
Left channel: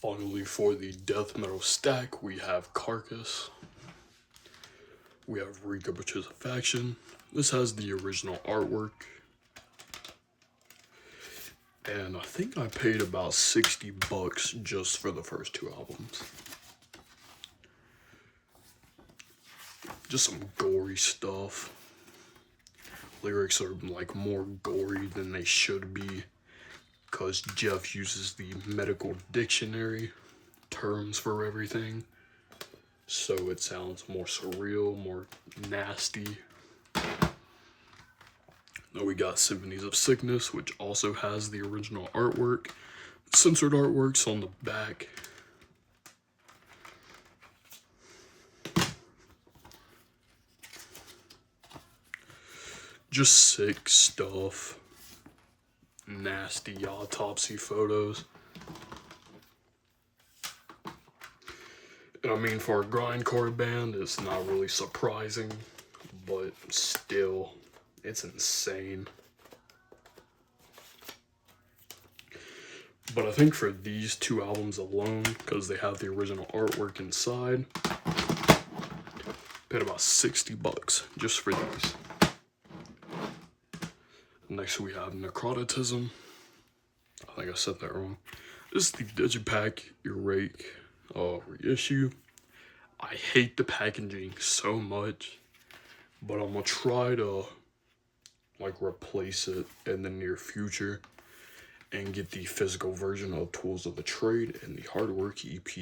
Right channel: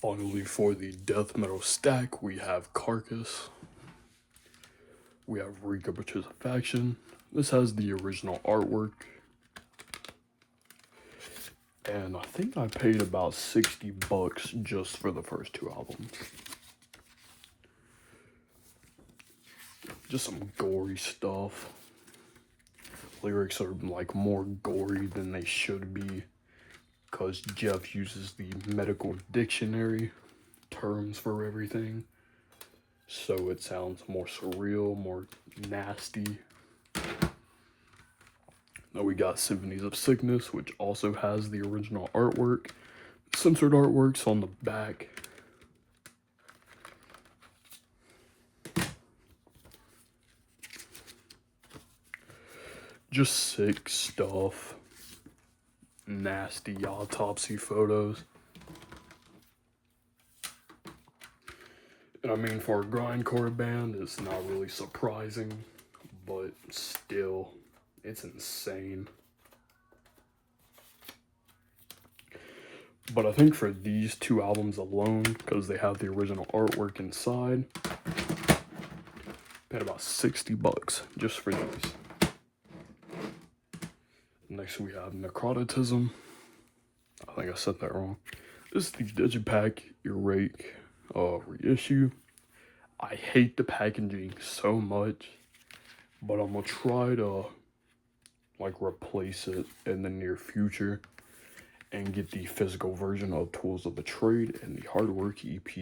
Finally, for the death metal stack, we have Carcass. We have Retrospective. This has the original artwork. And I think I paid about $60 just for the first 2 albums. Just some gory stuff. Lyrics are like more gory than they should be, because Jeff uses the medical dictionary terms for everything. So it sounds more surreal, more nasty. Now we got Symphonies of Sickness, which also has the original artwork. Censored artworks on the back. Just sick stuff. Nasty autopsy photos. And I mean, for a grindcore band, it's not really surprising, but still, it's insane. But I think for these 2 albums alone, because they have the original artwork inside, paid about $60 just for these. Next we have Necroticism. I think I said that wrong. This is the Digipack Erake reissue. I hate the packaging so much, but I'm gonna try to like replace it in the near future and get the physical version of Tools of the Trade and the Hardwork EP.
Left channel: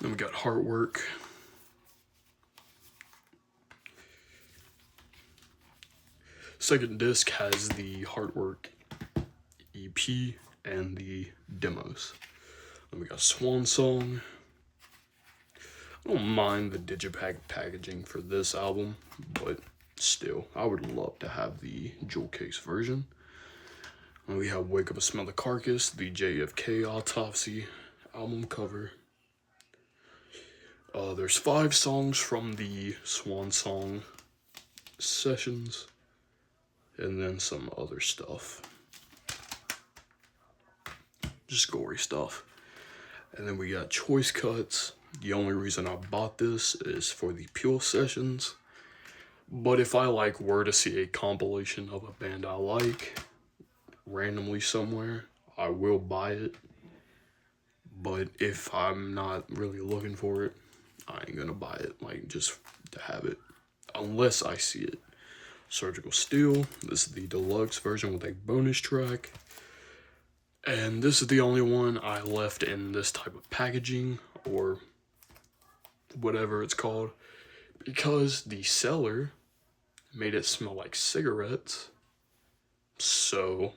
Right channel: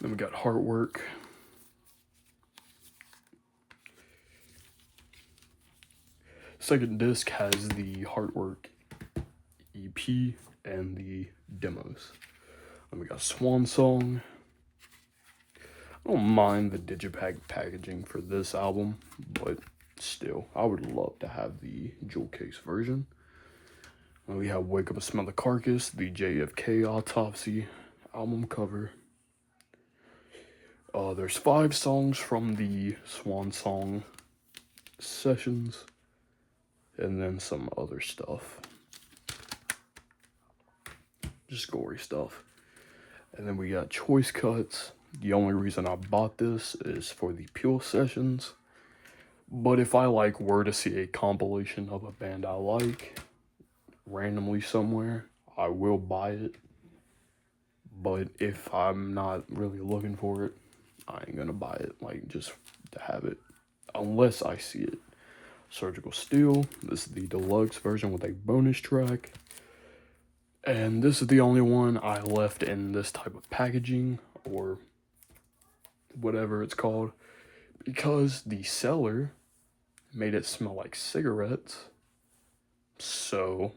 Then we got Heartwork. Second disc has the Heartwork EP and the demos. Then we got Swan Song. I don't mind the Digipack packaging for this album, but still, I would love to have the jewel case version. And we have Wake Up and Smell the Carcass, the JFK Autopsy album cover. There's 5 songs from the Swan Song sessions, and then some other stuff. Just gory stuff. And then we got Choice Cuts. The only reason I bought this is for the Pure sessions. But if I were to see a compilation of a band I like randomly somewhere, I will buy it. But if I'm not really looking for it, I ain't gonna buy it, just to have it, unless I see it. Surgical Steel. This is the deluxe version with a bonus track. And this is the only one I left in this type of packaging, or whatever it's called, because the seller made it smell like cigarettes. So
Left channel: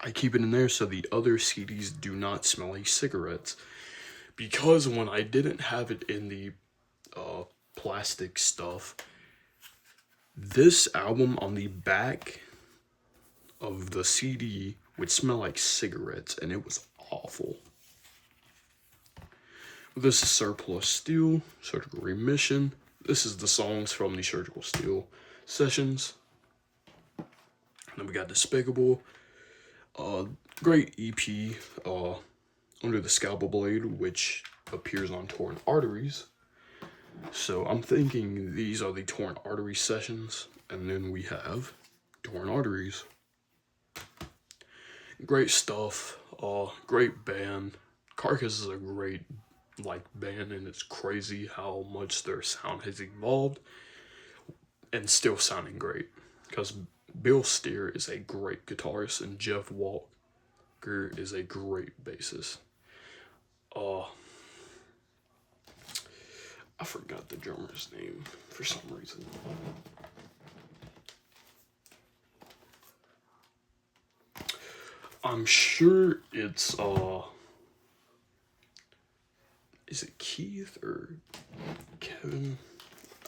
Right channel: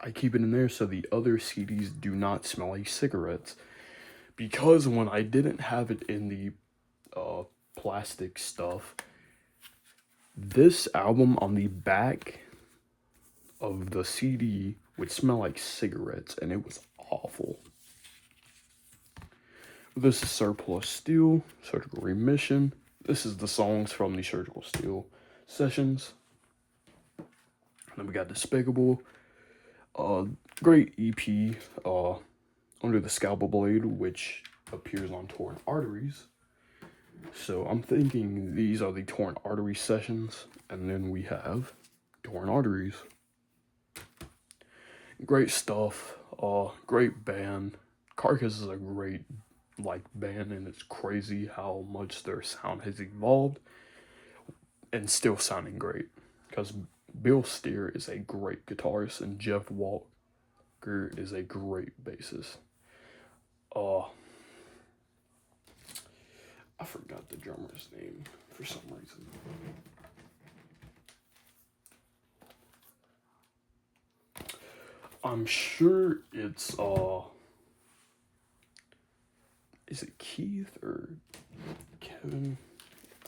I keep it in there so the other CDs do not smell like cigarettes. Because when I didn't have it in the plastic stuff, this album on the back of the CD would smell like cigarettes, and it was awful. This is Surplus Steel, Surgical Remission. This is the songs from the Surgical Steel sessions. And then we got Despicable. Great EP, Under the Scalpel Blade, which appears on Torn Arteries. So I'm thinking these are the Torn Arteries sessions, and then we have Torn Arteries. Great stuff, great band. Carcass is a great band, and it's crazy how much their sound has evolved and still sounding great, because Bill Steer is a great guitarist and Jeff Walker is a great bassist. I forgot the drummer's name for some reason. I'm sure it's is it Keith or Kevin?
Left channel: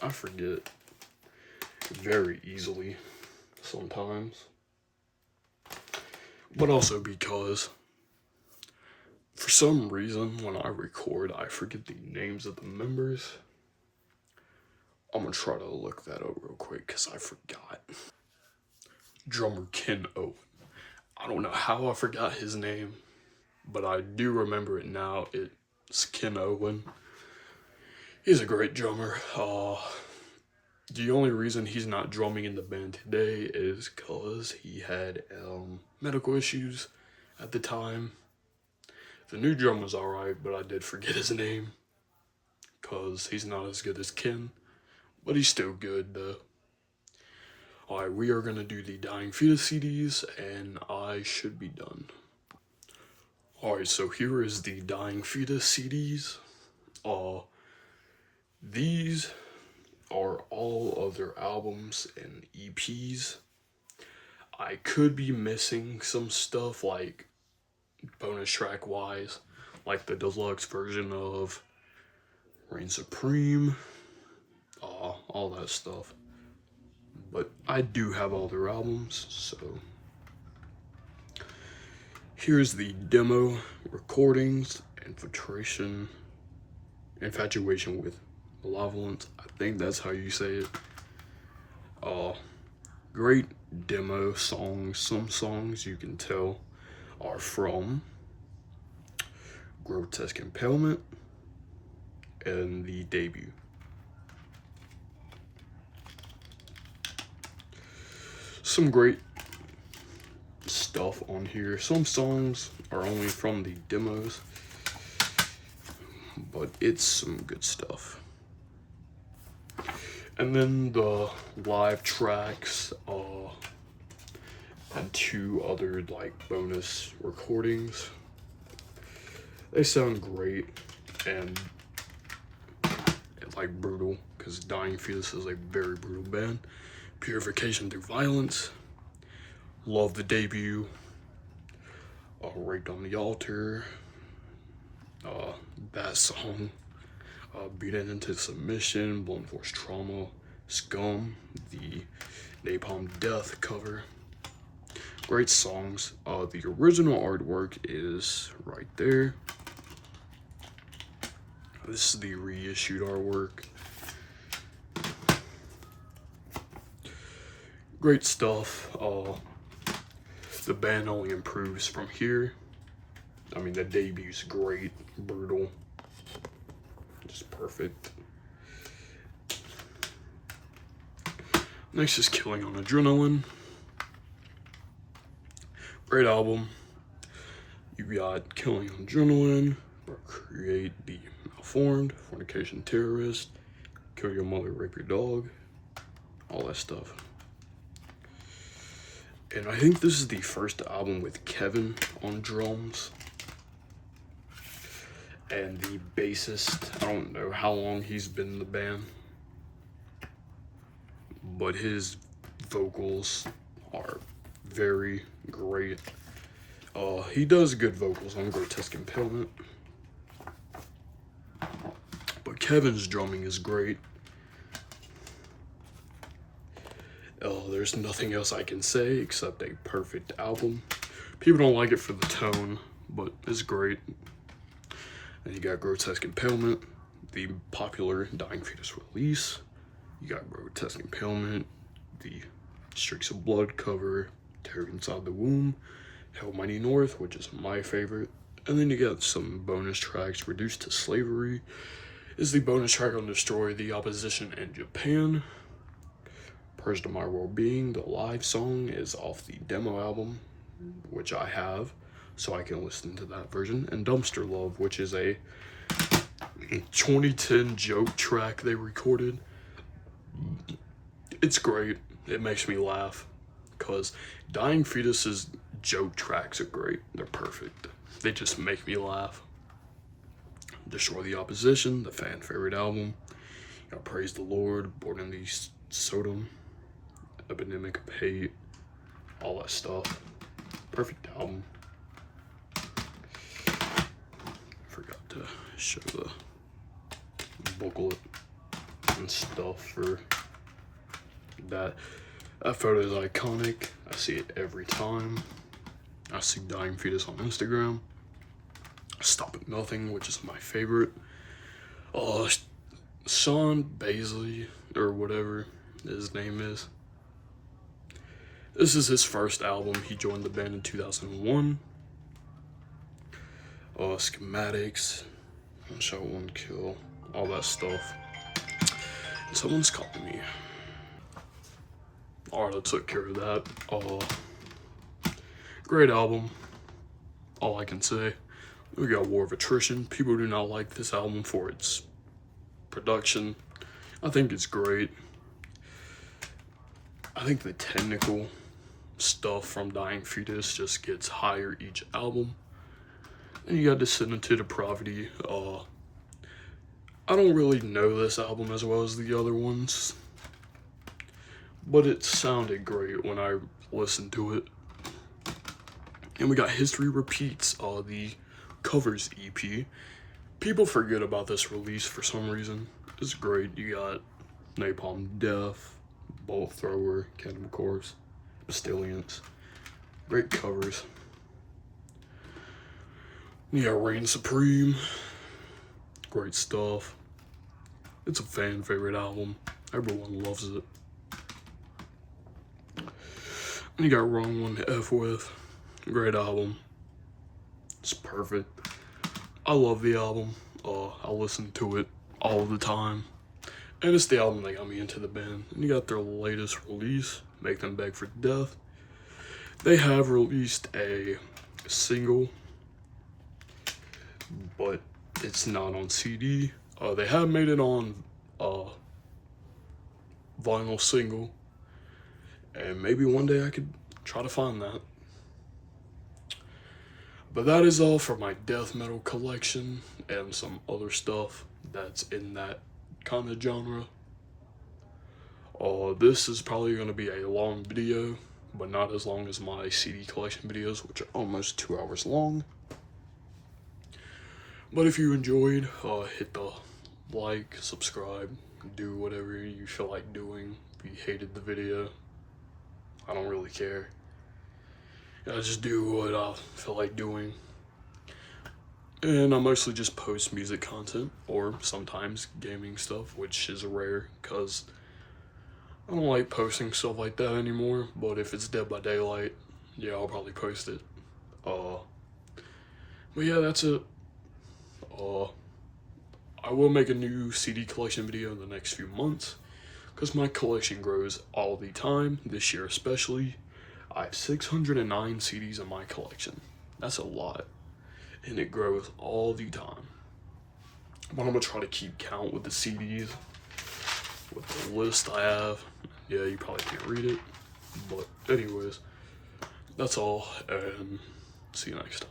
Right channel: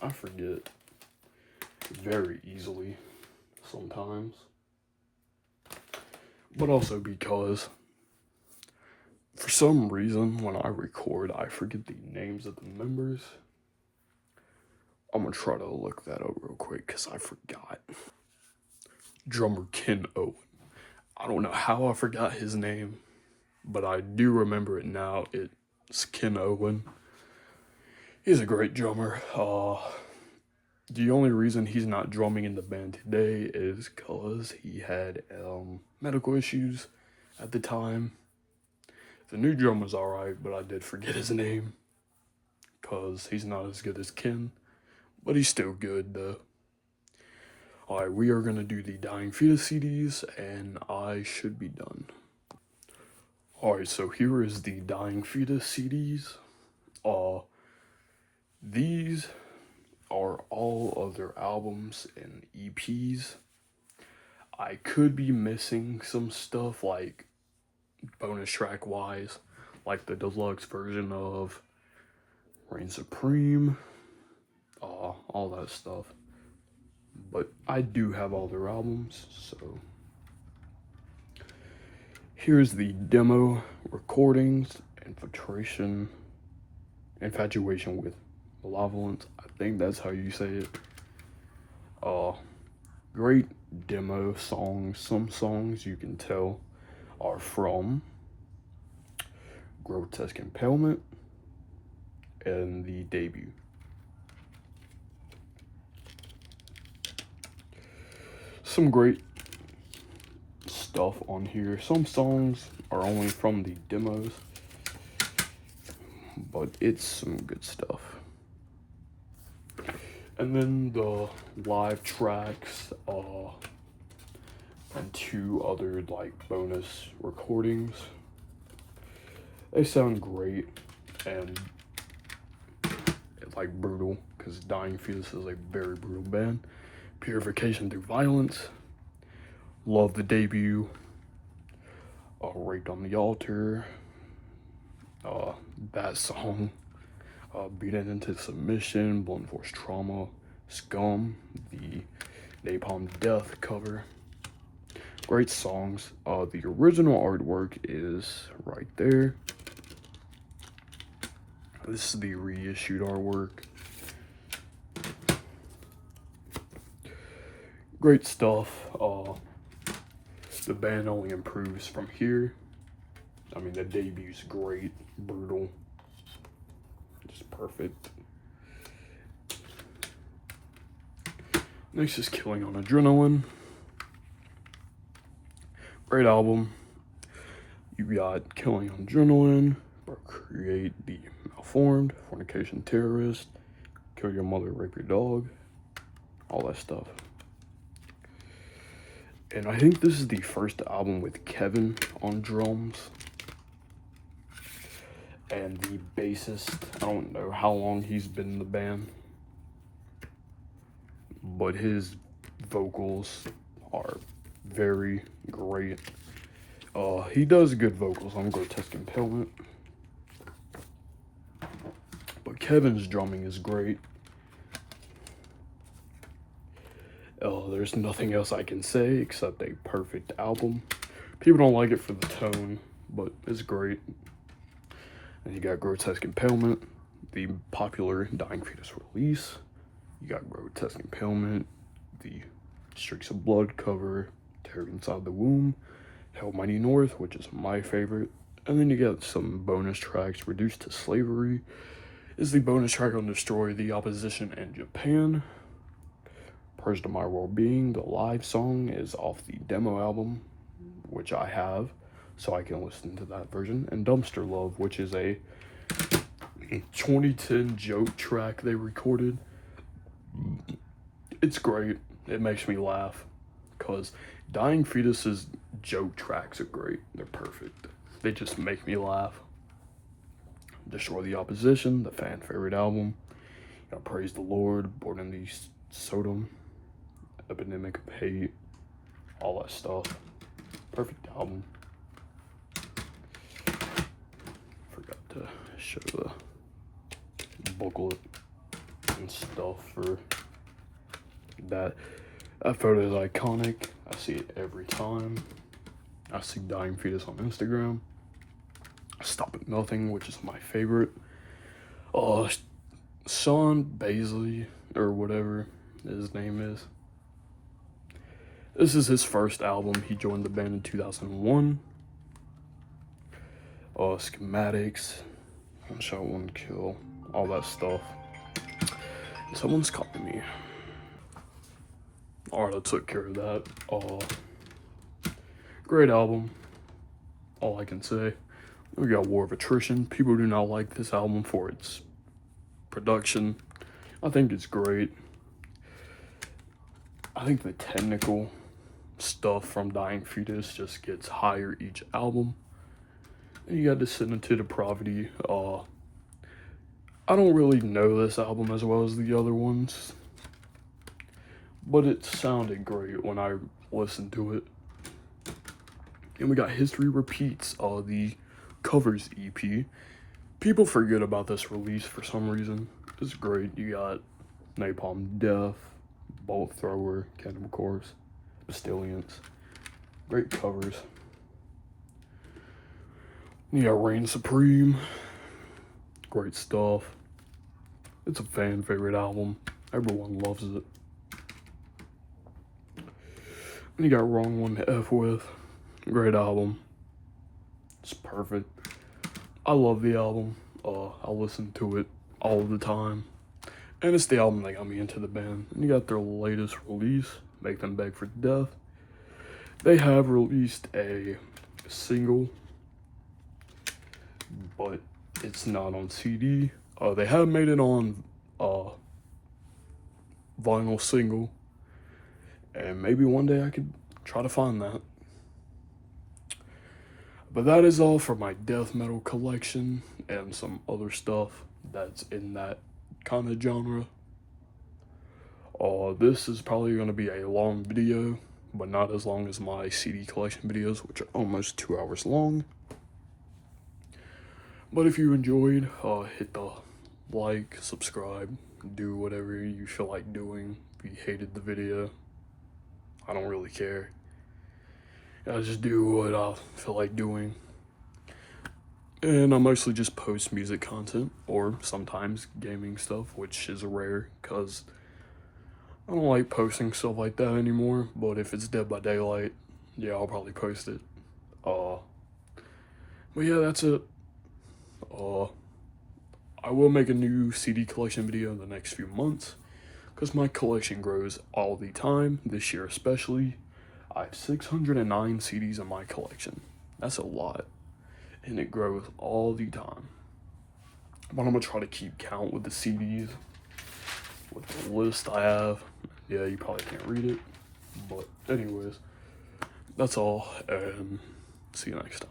I forget. very easily sometimes. But also because for some reason when I record I forget the names of the members. I'm gonna try to look that up real quick because I forgot. Drummer Ken Owen. I don't know how I forgot his name, but I do remember it now. It's Ken Owen. He's a great drummer. The only reason he's not drumming in the band today is because he had medical issues at the time. The new drummer's alright, but I did forget his name because he's not as good as Ken, but he's still good though. Alright, we are going to do the Dying Fetus CDs, and I should be done. Alright, so here is the Dying Fetus CDs. These are all of their albums and EPs. I could be missing some stuff, like bonus track wise, like the deluxe version of Reign Supreme, all that stuff. But I do have all their albums, so here's the demo recordings. Infatuation with Malevolence. I think that's how you say it. Great demo songs. Some songs you can tell are from Grotesque Impalement and the debut. Some great stuff on here. Some songs are only from the demos, but it's some good stuff. And then the live tracks, and 2 other like bonus recordings. They sound great and like brutal, because Dying Fetus is a very brutal band. Purification Through Violence. Love the debut. Raped on the Altar. That song. Beaten Into Submission. Blunt Force Trauma. Scum. The Napalm Death cover. Great songs. The original artwork is right there. This is the reissued artwork. Great stuff. The band only improves from here. I mean, the debut's great, brutal, just perfect. Next is Killing on Adrenaline. Great album. You got Killing on Adrenaline, Create the Malformed, Fornication Terrorist, Kill Your Mother, Rape Your Dog, all that stuff. And I think this is the first album with Kevin on drums. And the bassist, I don't know how long he's been in the band, but his vocals are very great. He does good vocals on Grotesque Impalement, but Kevin's drumming is great. There's nothing else I can say except a perfect album. People don't like it for the tone, but it's great. And you got Grotesque Impalement, the popular Dying Fetus release. You got Grotesque Impalement, the Streaks of Blood cover, Terror Inside the Womb, Hell Mighty North, which is my favorite. And then you got some bonus tracks. Reduced to Slavery is the bonus track on Destroy the Opposition in Japan. Purged of My Well-Being, the live song, is off the demo album, which I have, so I can listen to that version. And Dumpster Love, which is a 2010 joke track they recorded. It's great. It makes me laugh, because Dying Fetus's joke tracks are great. They're perfect. They just make me laugh. Destroy the Opposition, the fan favorite album. You got Praise the Lord, Born in the Sodom, Epidemic of Hate, all that stuff. Perfect album. Forgot to show the booklet and stuff for That photo is iconic. I see it every time. I see Dying Fetus on Instagram. Stop at Nothing, which is my favorite. Sean Baisley, or whatever his name is. This is his first album. He joined the band in 2001. Schematics, One Shot, One Kill, all that stuff. Someone's calling me. Alright, I took care of that. Great album. All I can say. We got War of Attrition. People do not like this album for its production. I think it's great. I think the technical stuff from Dying Fetus just gets higher each album. And you got Descendant to Depravity. I don't really know this album as well as the other ones, but it sounded great when I listened to it. And we got History Repeats, the covers EP. People forget about this release for some reason. It's great. You got Napalm Death, Bolt Thrower, Cannibal Corpse, Bastillions. Great covers. You got Reign Supreme. Great stuff. It's a fan favorite album. Everyone loves it. And you got Wrong One to F With. Great album. It's perfect. I love the album. I listen to it all the time. And it's the album that got me into the band. And you got their latest release, Make Them Beg for Death. They have released a single, but it's not on CD. They have made it on vinyl single. And maybe one day I could try to find that. But that is all for my death metal collection and some other stuff that's in that kind of genre. This is probably going to be a long video, but not as long as my CD collection videos, which are almost 2 hours long. But if you enjoyed, hit the like, subscribe, do whatever you feel like doing. If you hated the video, I don't really care. I just do what I feel like doing. And I mostly just post music content, or sometimes gaming stuff, which is rare, because I don't like posting stuff like that anymore. But if it's Dead by Daylight, yeah, I'll probably post it. But yeah, that's it. I will make a new CD collection video in the next few months, because my collection grows all the time, this year especially. I have 609 CDs in my collection. That's a lot. And it grows all the time. But I'm going to try to keep count with the CDs, with the list I have. Yeah, you probably can't read it. But anyways, that's all. And see you next time.